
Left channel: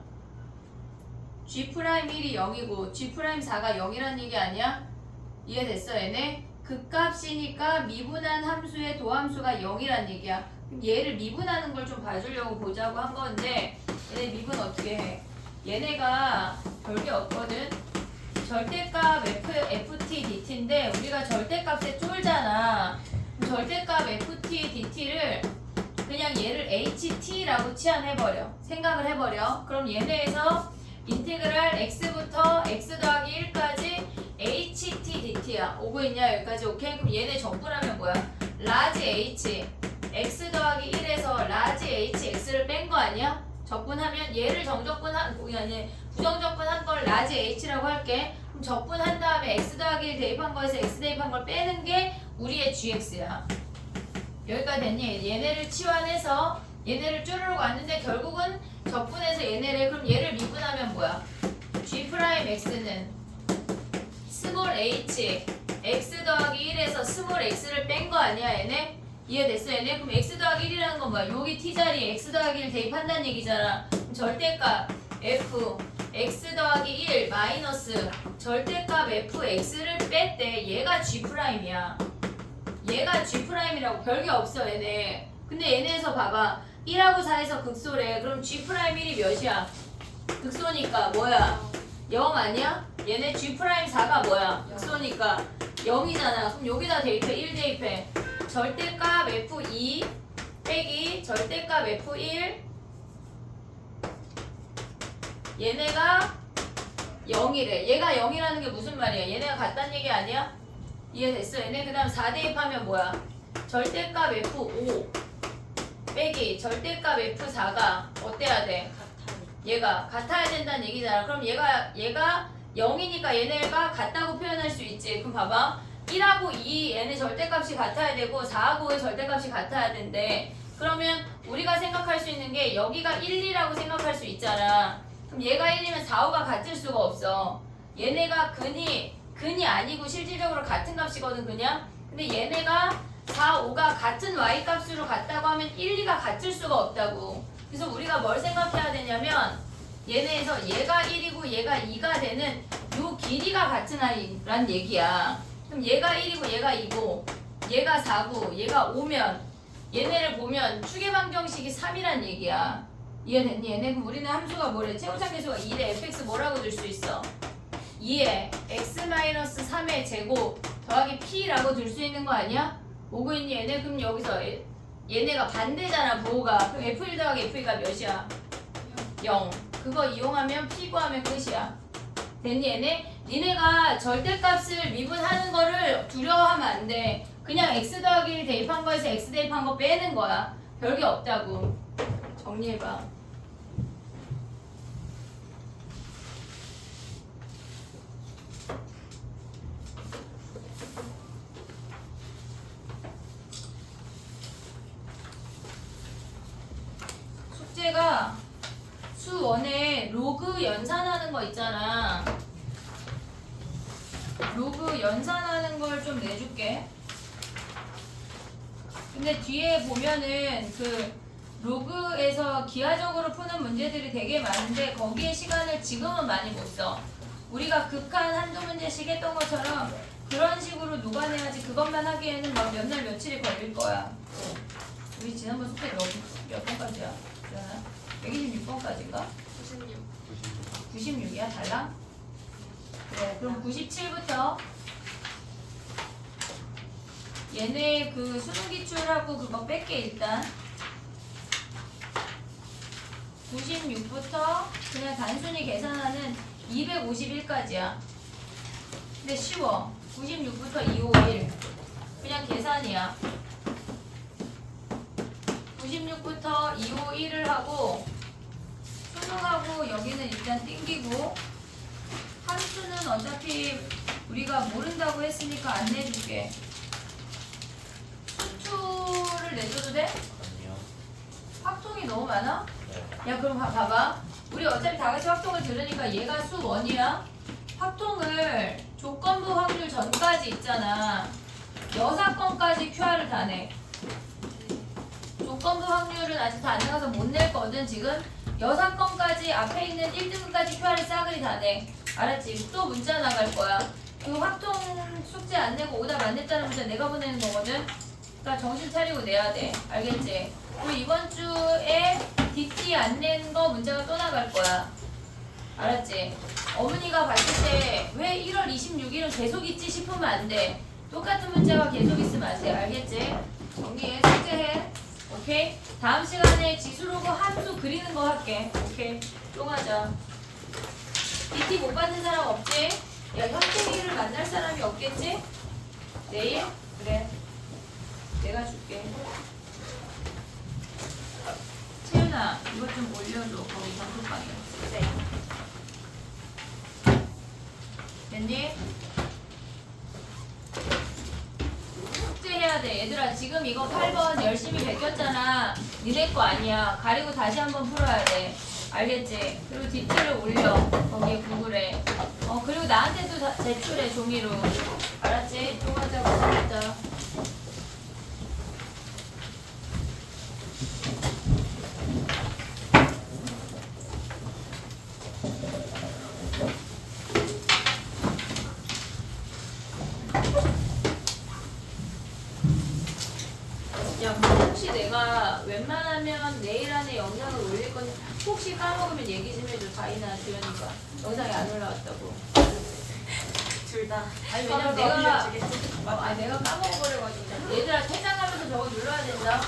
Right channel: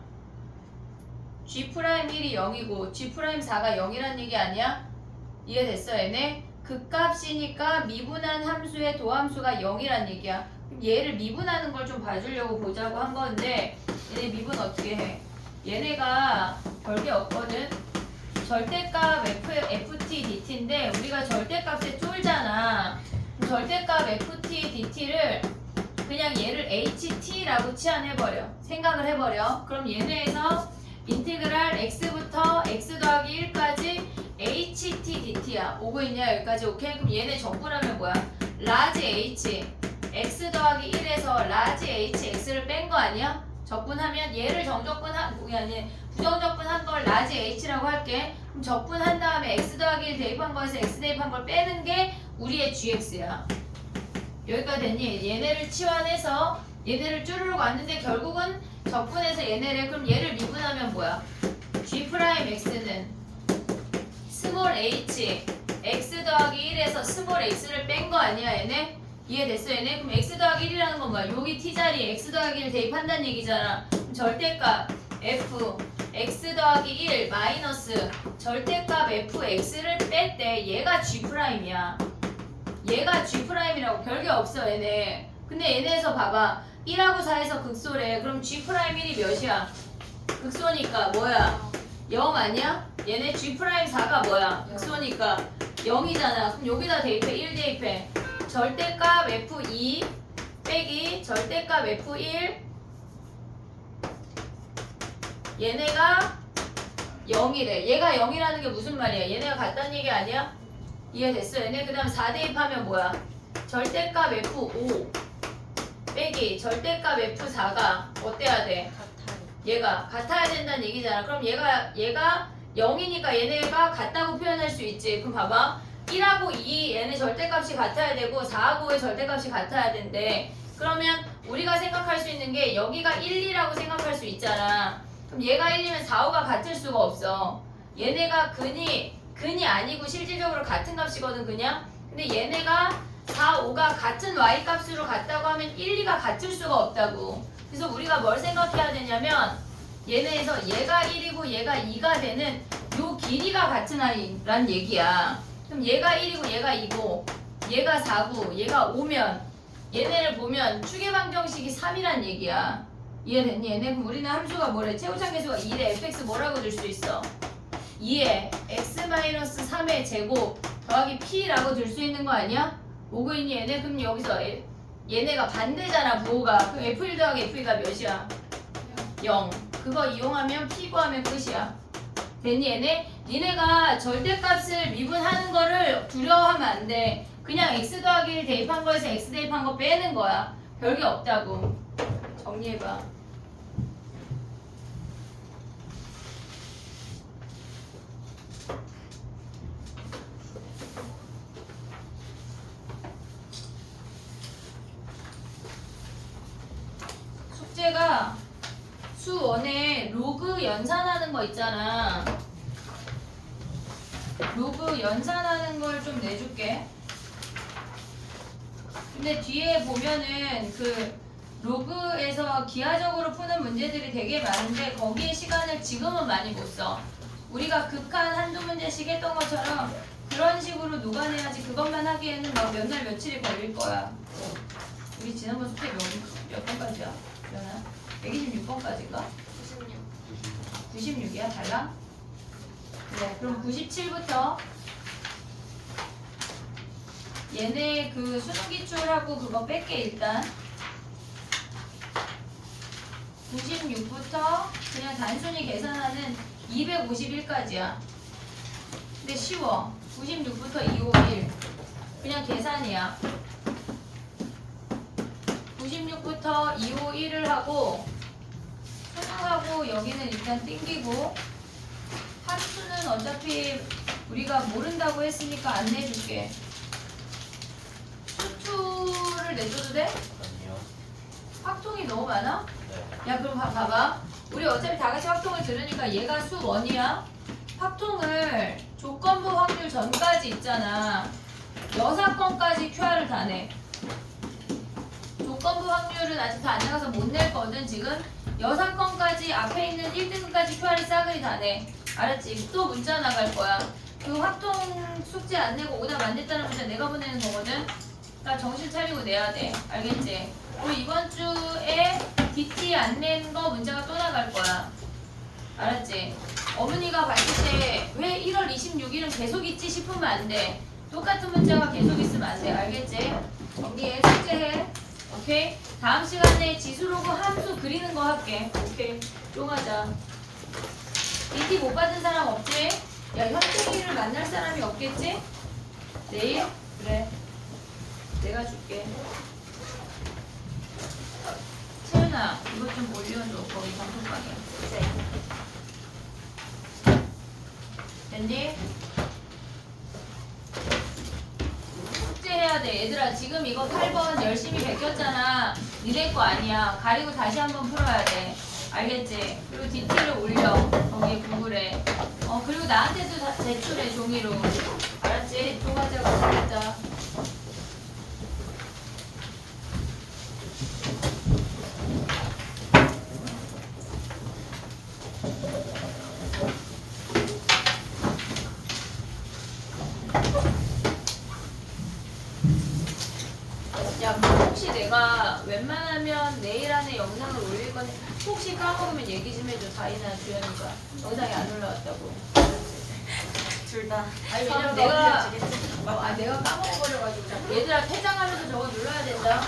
G'1이 0이고 G'4가 0이란 얘기 아니야? 이해됐어 얘네? 극값이니까 미분한 함수의 도함수가 0이란 얘기야. 그럼 얘를 미분하는 걸 좀 봐주려고 보자고 한 건데 얘네 미분 어떻게 해? 얘네가 별게 없거든? 절대값 ft dt인데 우리가 절대값에 쫄잖아. 절대값 ft dt를 그냥 얘를 ht라고 치환해버려. 생각을 해버려. 그럼 얘네에서 인테그랄 x부터 x 더하기 1까지 ht dt야. 오고 있냐 여기까지? 오케이? 그럼 얘네 적분하면 뭐야? 라지 h x 더하기 1에서 라지 h x를 뺀 거 아니야? 적분하면 얘를 정적분한 아니 부정적분한 걸 라지 h라고 할게. 그럼 적분한 다음에 x 더하기 1 대입한 거에서 x 대입한 걸 빼는 게 우리의 gx야. 여기까지 됐니? 얘네를 치환해서 얘네를 쭈르륵 왔는데 결국은 적분해서 얘네를 그럼 얘를 미분하면 뭐야? G'X는 스몰 h x 더하기 1에서 스몰 x를 뺀 거 아니야 얘네? 이해됐어 얘네? 그럼 x 더하기 1이라는 건 뭐야? 여기 t자리에 x 더하기 1 대입한다는 얘기잖아. 그럼 절대값 f x 더하기 1 마이너스 절대값 fx를 뺐대. 얘가 G'이야. 얘가 G'이라고 별게 없어 얘네. 근데 얘네에서 봐봐 1하고 4에서 극소래. 그럼 G'1이 몇이야? 극소니까 뭐야? 0 아니야? 얘네 G'4가 뭐야? 극소니까 0이잖아. 그럼 여기다 대입해 1 대입해. 절대값 F2 빼기 절대값 F1 얘네가 0이래. 얘가 0이라는 게 무슨 말이야? 얘네가 같다는 얘기 아니야? 이해됐어 얘네? 그 다음 4 대입하면 뭐야? 절대값 F5 빼기 절대값 F4가 어때야 돼? 얘가 같아야 된다는 얘기잖아. 그럼 얘가 0이니까 얘네가 같다고 표현할 수 있지. 그럼 봐봐 1하고 2 얘네 절대값이 같아야 되고 4하고 5의 절대값이 같아야 된대. 그러면 우리가 생각할 수 있는 게 여기가 1, 2라고 생각할 수 있잖아. 그럼 얘가 1이면 4, 5가 같을 수가 없어. 얘네가 근이 아니고 실질적으로 같은 값이거든 그냥. 근데 얘네가 4, 5가 같은 y 값으로 같다고 하면 1, 2가 같을 수가 없다고. 그래서 우리가 뭘 생각해야 되냐면 얘네에서 얘가 1이고 얘가 2가 되는 요 길이가 같은 아이란 얘기야. 그럼 얘가 1이고 얘가 2고 얘가 4고 얘가 5면 얘네를 보면 추계방정식이 3이란 얘기야. 이해됐니? 얘네 그럼 우리는 함수가 뭐래? 최우창 계수가 2에 fx 뭐라고 줄 수 있어? 2에 x-3의 제곱 더하기 p라고 줄 수 있는 거 아니야? 오고 있니 얘네? 그럼 여기서 얘네가 반대잖아 부호가. 그럼 f1 더하기 f2가 몇이야? 0. 그거 이용하면 p 구하면 끝이야. 됐니 얘네? 니네가 절대값을 미분하는 거를 두려워하면 안 돼. 그냥 x 더하기 1 대입한 거에서 x 대입한 거 빼는 거야. 별게 없다고. 정리해봐. 숙제가 수원에 로그 연산하는 거 있잖아. 로그 연산하는 걸 좀 내줄게. 근데 뒤에 보면은 그 로그에서 기하적으로 푸는 문제들이 되게 많은데 거기에 시간을 지금은 많이 못 써. 우리가 극한 한두 문제씩 했던 것처럼 그런 식으로 녹아내야지 그것만 하기에는 막 몇 날 며칠이 걸릴 거야. 우리 지난번 숙제 몇 번까지야? 그러나 126번까지인가? 96이야? 달라? 그래, 그럼 97부터 얘네 그 수능 기출하고 그거 뺄게 일단. 96부터 그냥 단순히 계산하는 251까지야. 근데 쉬워. 96부터 251 그냥 계산이야. 96부터 251을 하고 수능하고 여기는 일단 땡기고 함수는 어차피 우리가 모른다고 했으니까 안 내줄게. 수투를 내줘도 돼? 아니요. 확통이 너무 많아? 네. 야 그럼 봐봐. 우리 어차피 다 같이 확통을 들으니까 얘가 수 1이야. 확통을 조건부 확률 전까지 있잖아. 여사건까지 QR을 다 내. 조건부 확률은 아직 다 안 나가서 못 낼거든 지금. 여사건까지 앞에 있는 1등급까지 QR을 싸그리 다 내. 알았지? 또 문자 나갈 거야. 그 확통 숙제 안 내고 오답 안 냈다는 문자 내가 보내는 거거든. 그러니까 정신 차리고 내야 돼. 알겠지? 우리 이번 주에 DT 안 낸 거 문자가 또 나갈 거야. 알았지? 어머니가 봤을 때 왜 1월 26일은 계속 있지 싶으면 안 돼. 똑같은 문자가 계속 있으면 안 돼. 알겠지? 정리해. 숙제해. 오케이? 다음 시간에 지수로그 함수 그리는 거 할게. 오케이? 쫑하자. DT 못 받은 사람 없지? 야, 현택이를 만날 사람이 없겠지? 내일? 그래. 내가 줄게. 채윤아, 이거 좀 올려줘. 거기 정통방에. 됐니? 숙제해야 돼. 얘들아, 지금 이거 8번 열심히 베꼈잖아. 니네 거 아니야. 가리고 다시 한번 풀어야 돼. 알겠지? 그리고 DT를 올려. 거기 구글에. 그리고 나한테도 다 제출해, 종이로. 알았지? 또 가자고 하겠다. 야, 그럼 혹시 내가 웬만하면 내일 안에 영상을 올릴 건데 혹시 까먹으면 얘기 좀 해줘. 다이나 주연이가 영상이 안 올라왔다고. 둘 다. 아니 왜냐면 내가 까먹어버려가지고. 얘들아 퇴장하면서 저거 눌러야 된다.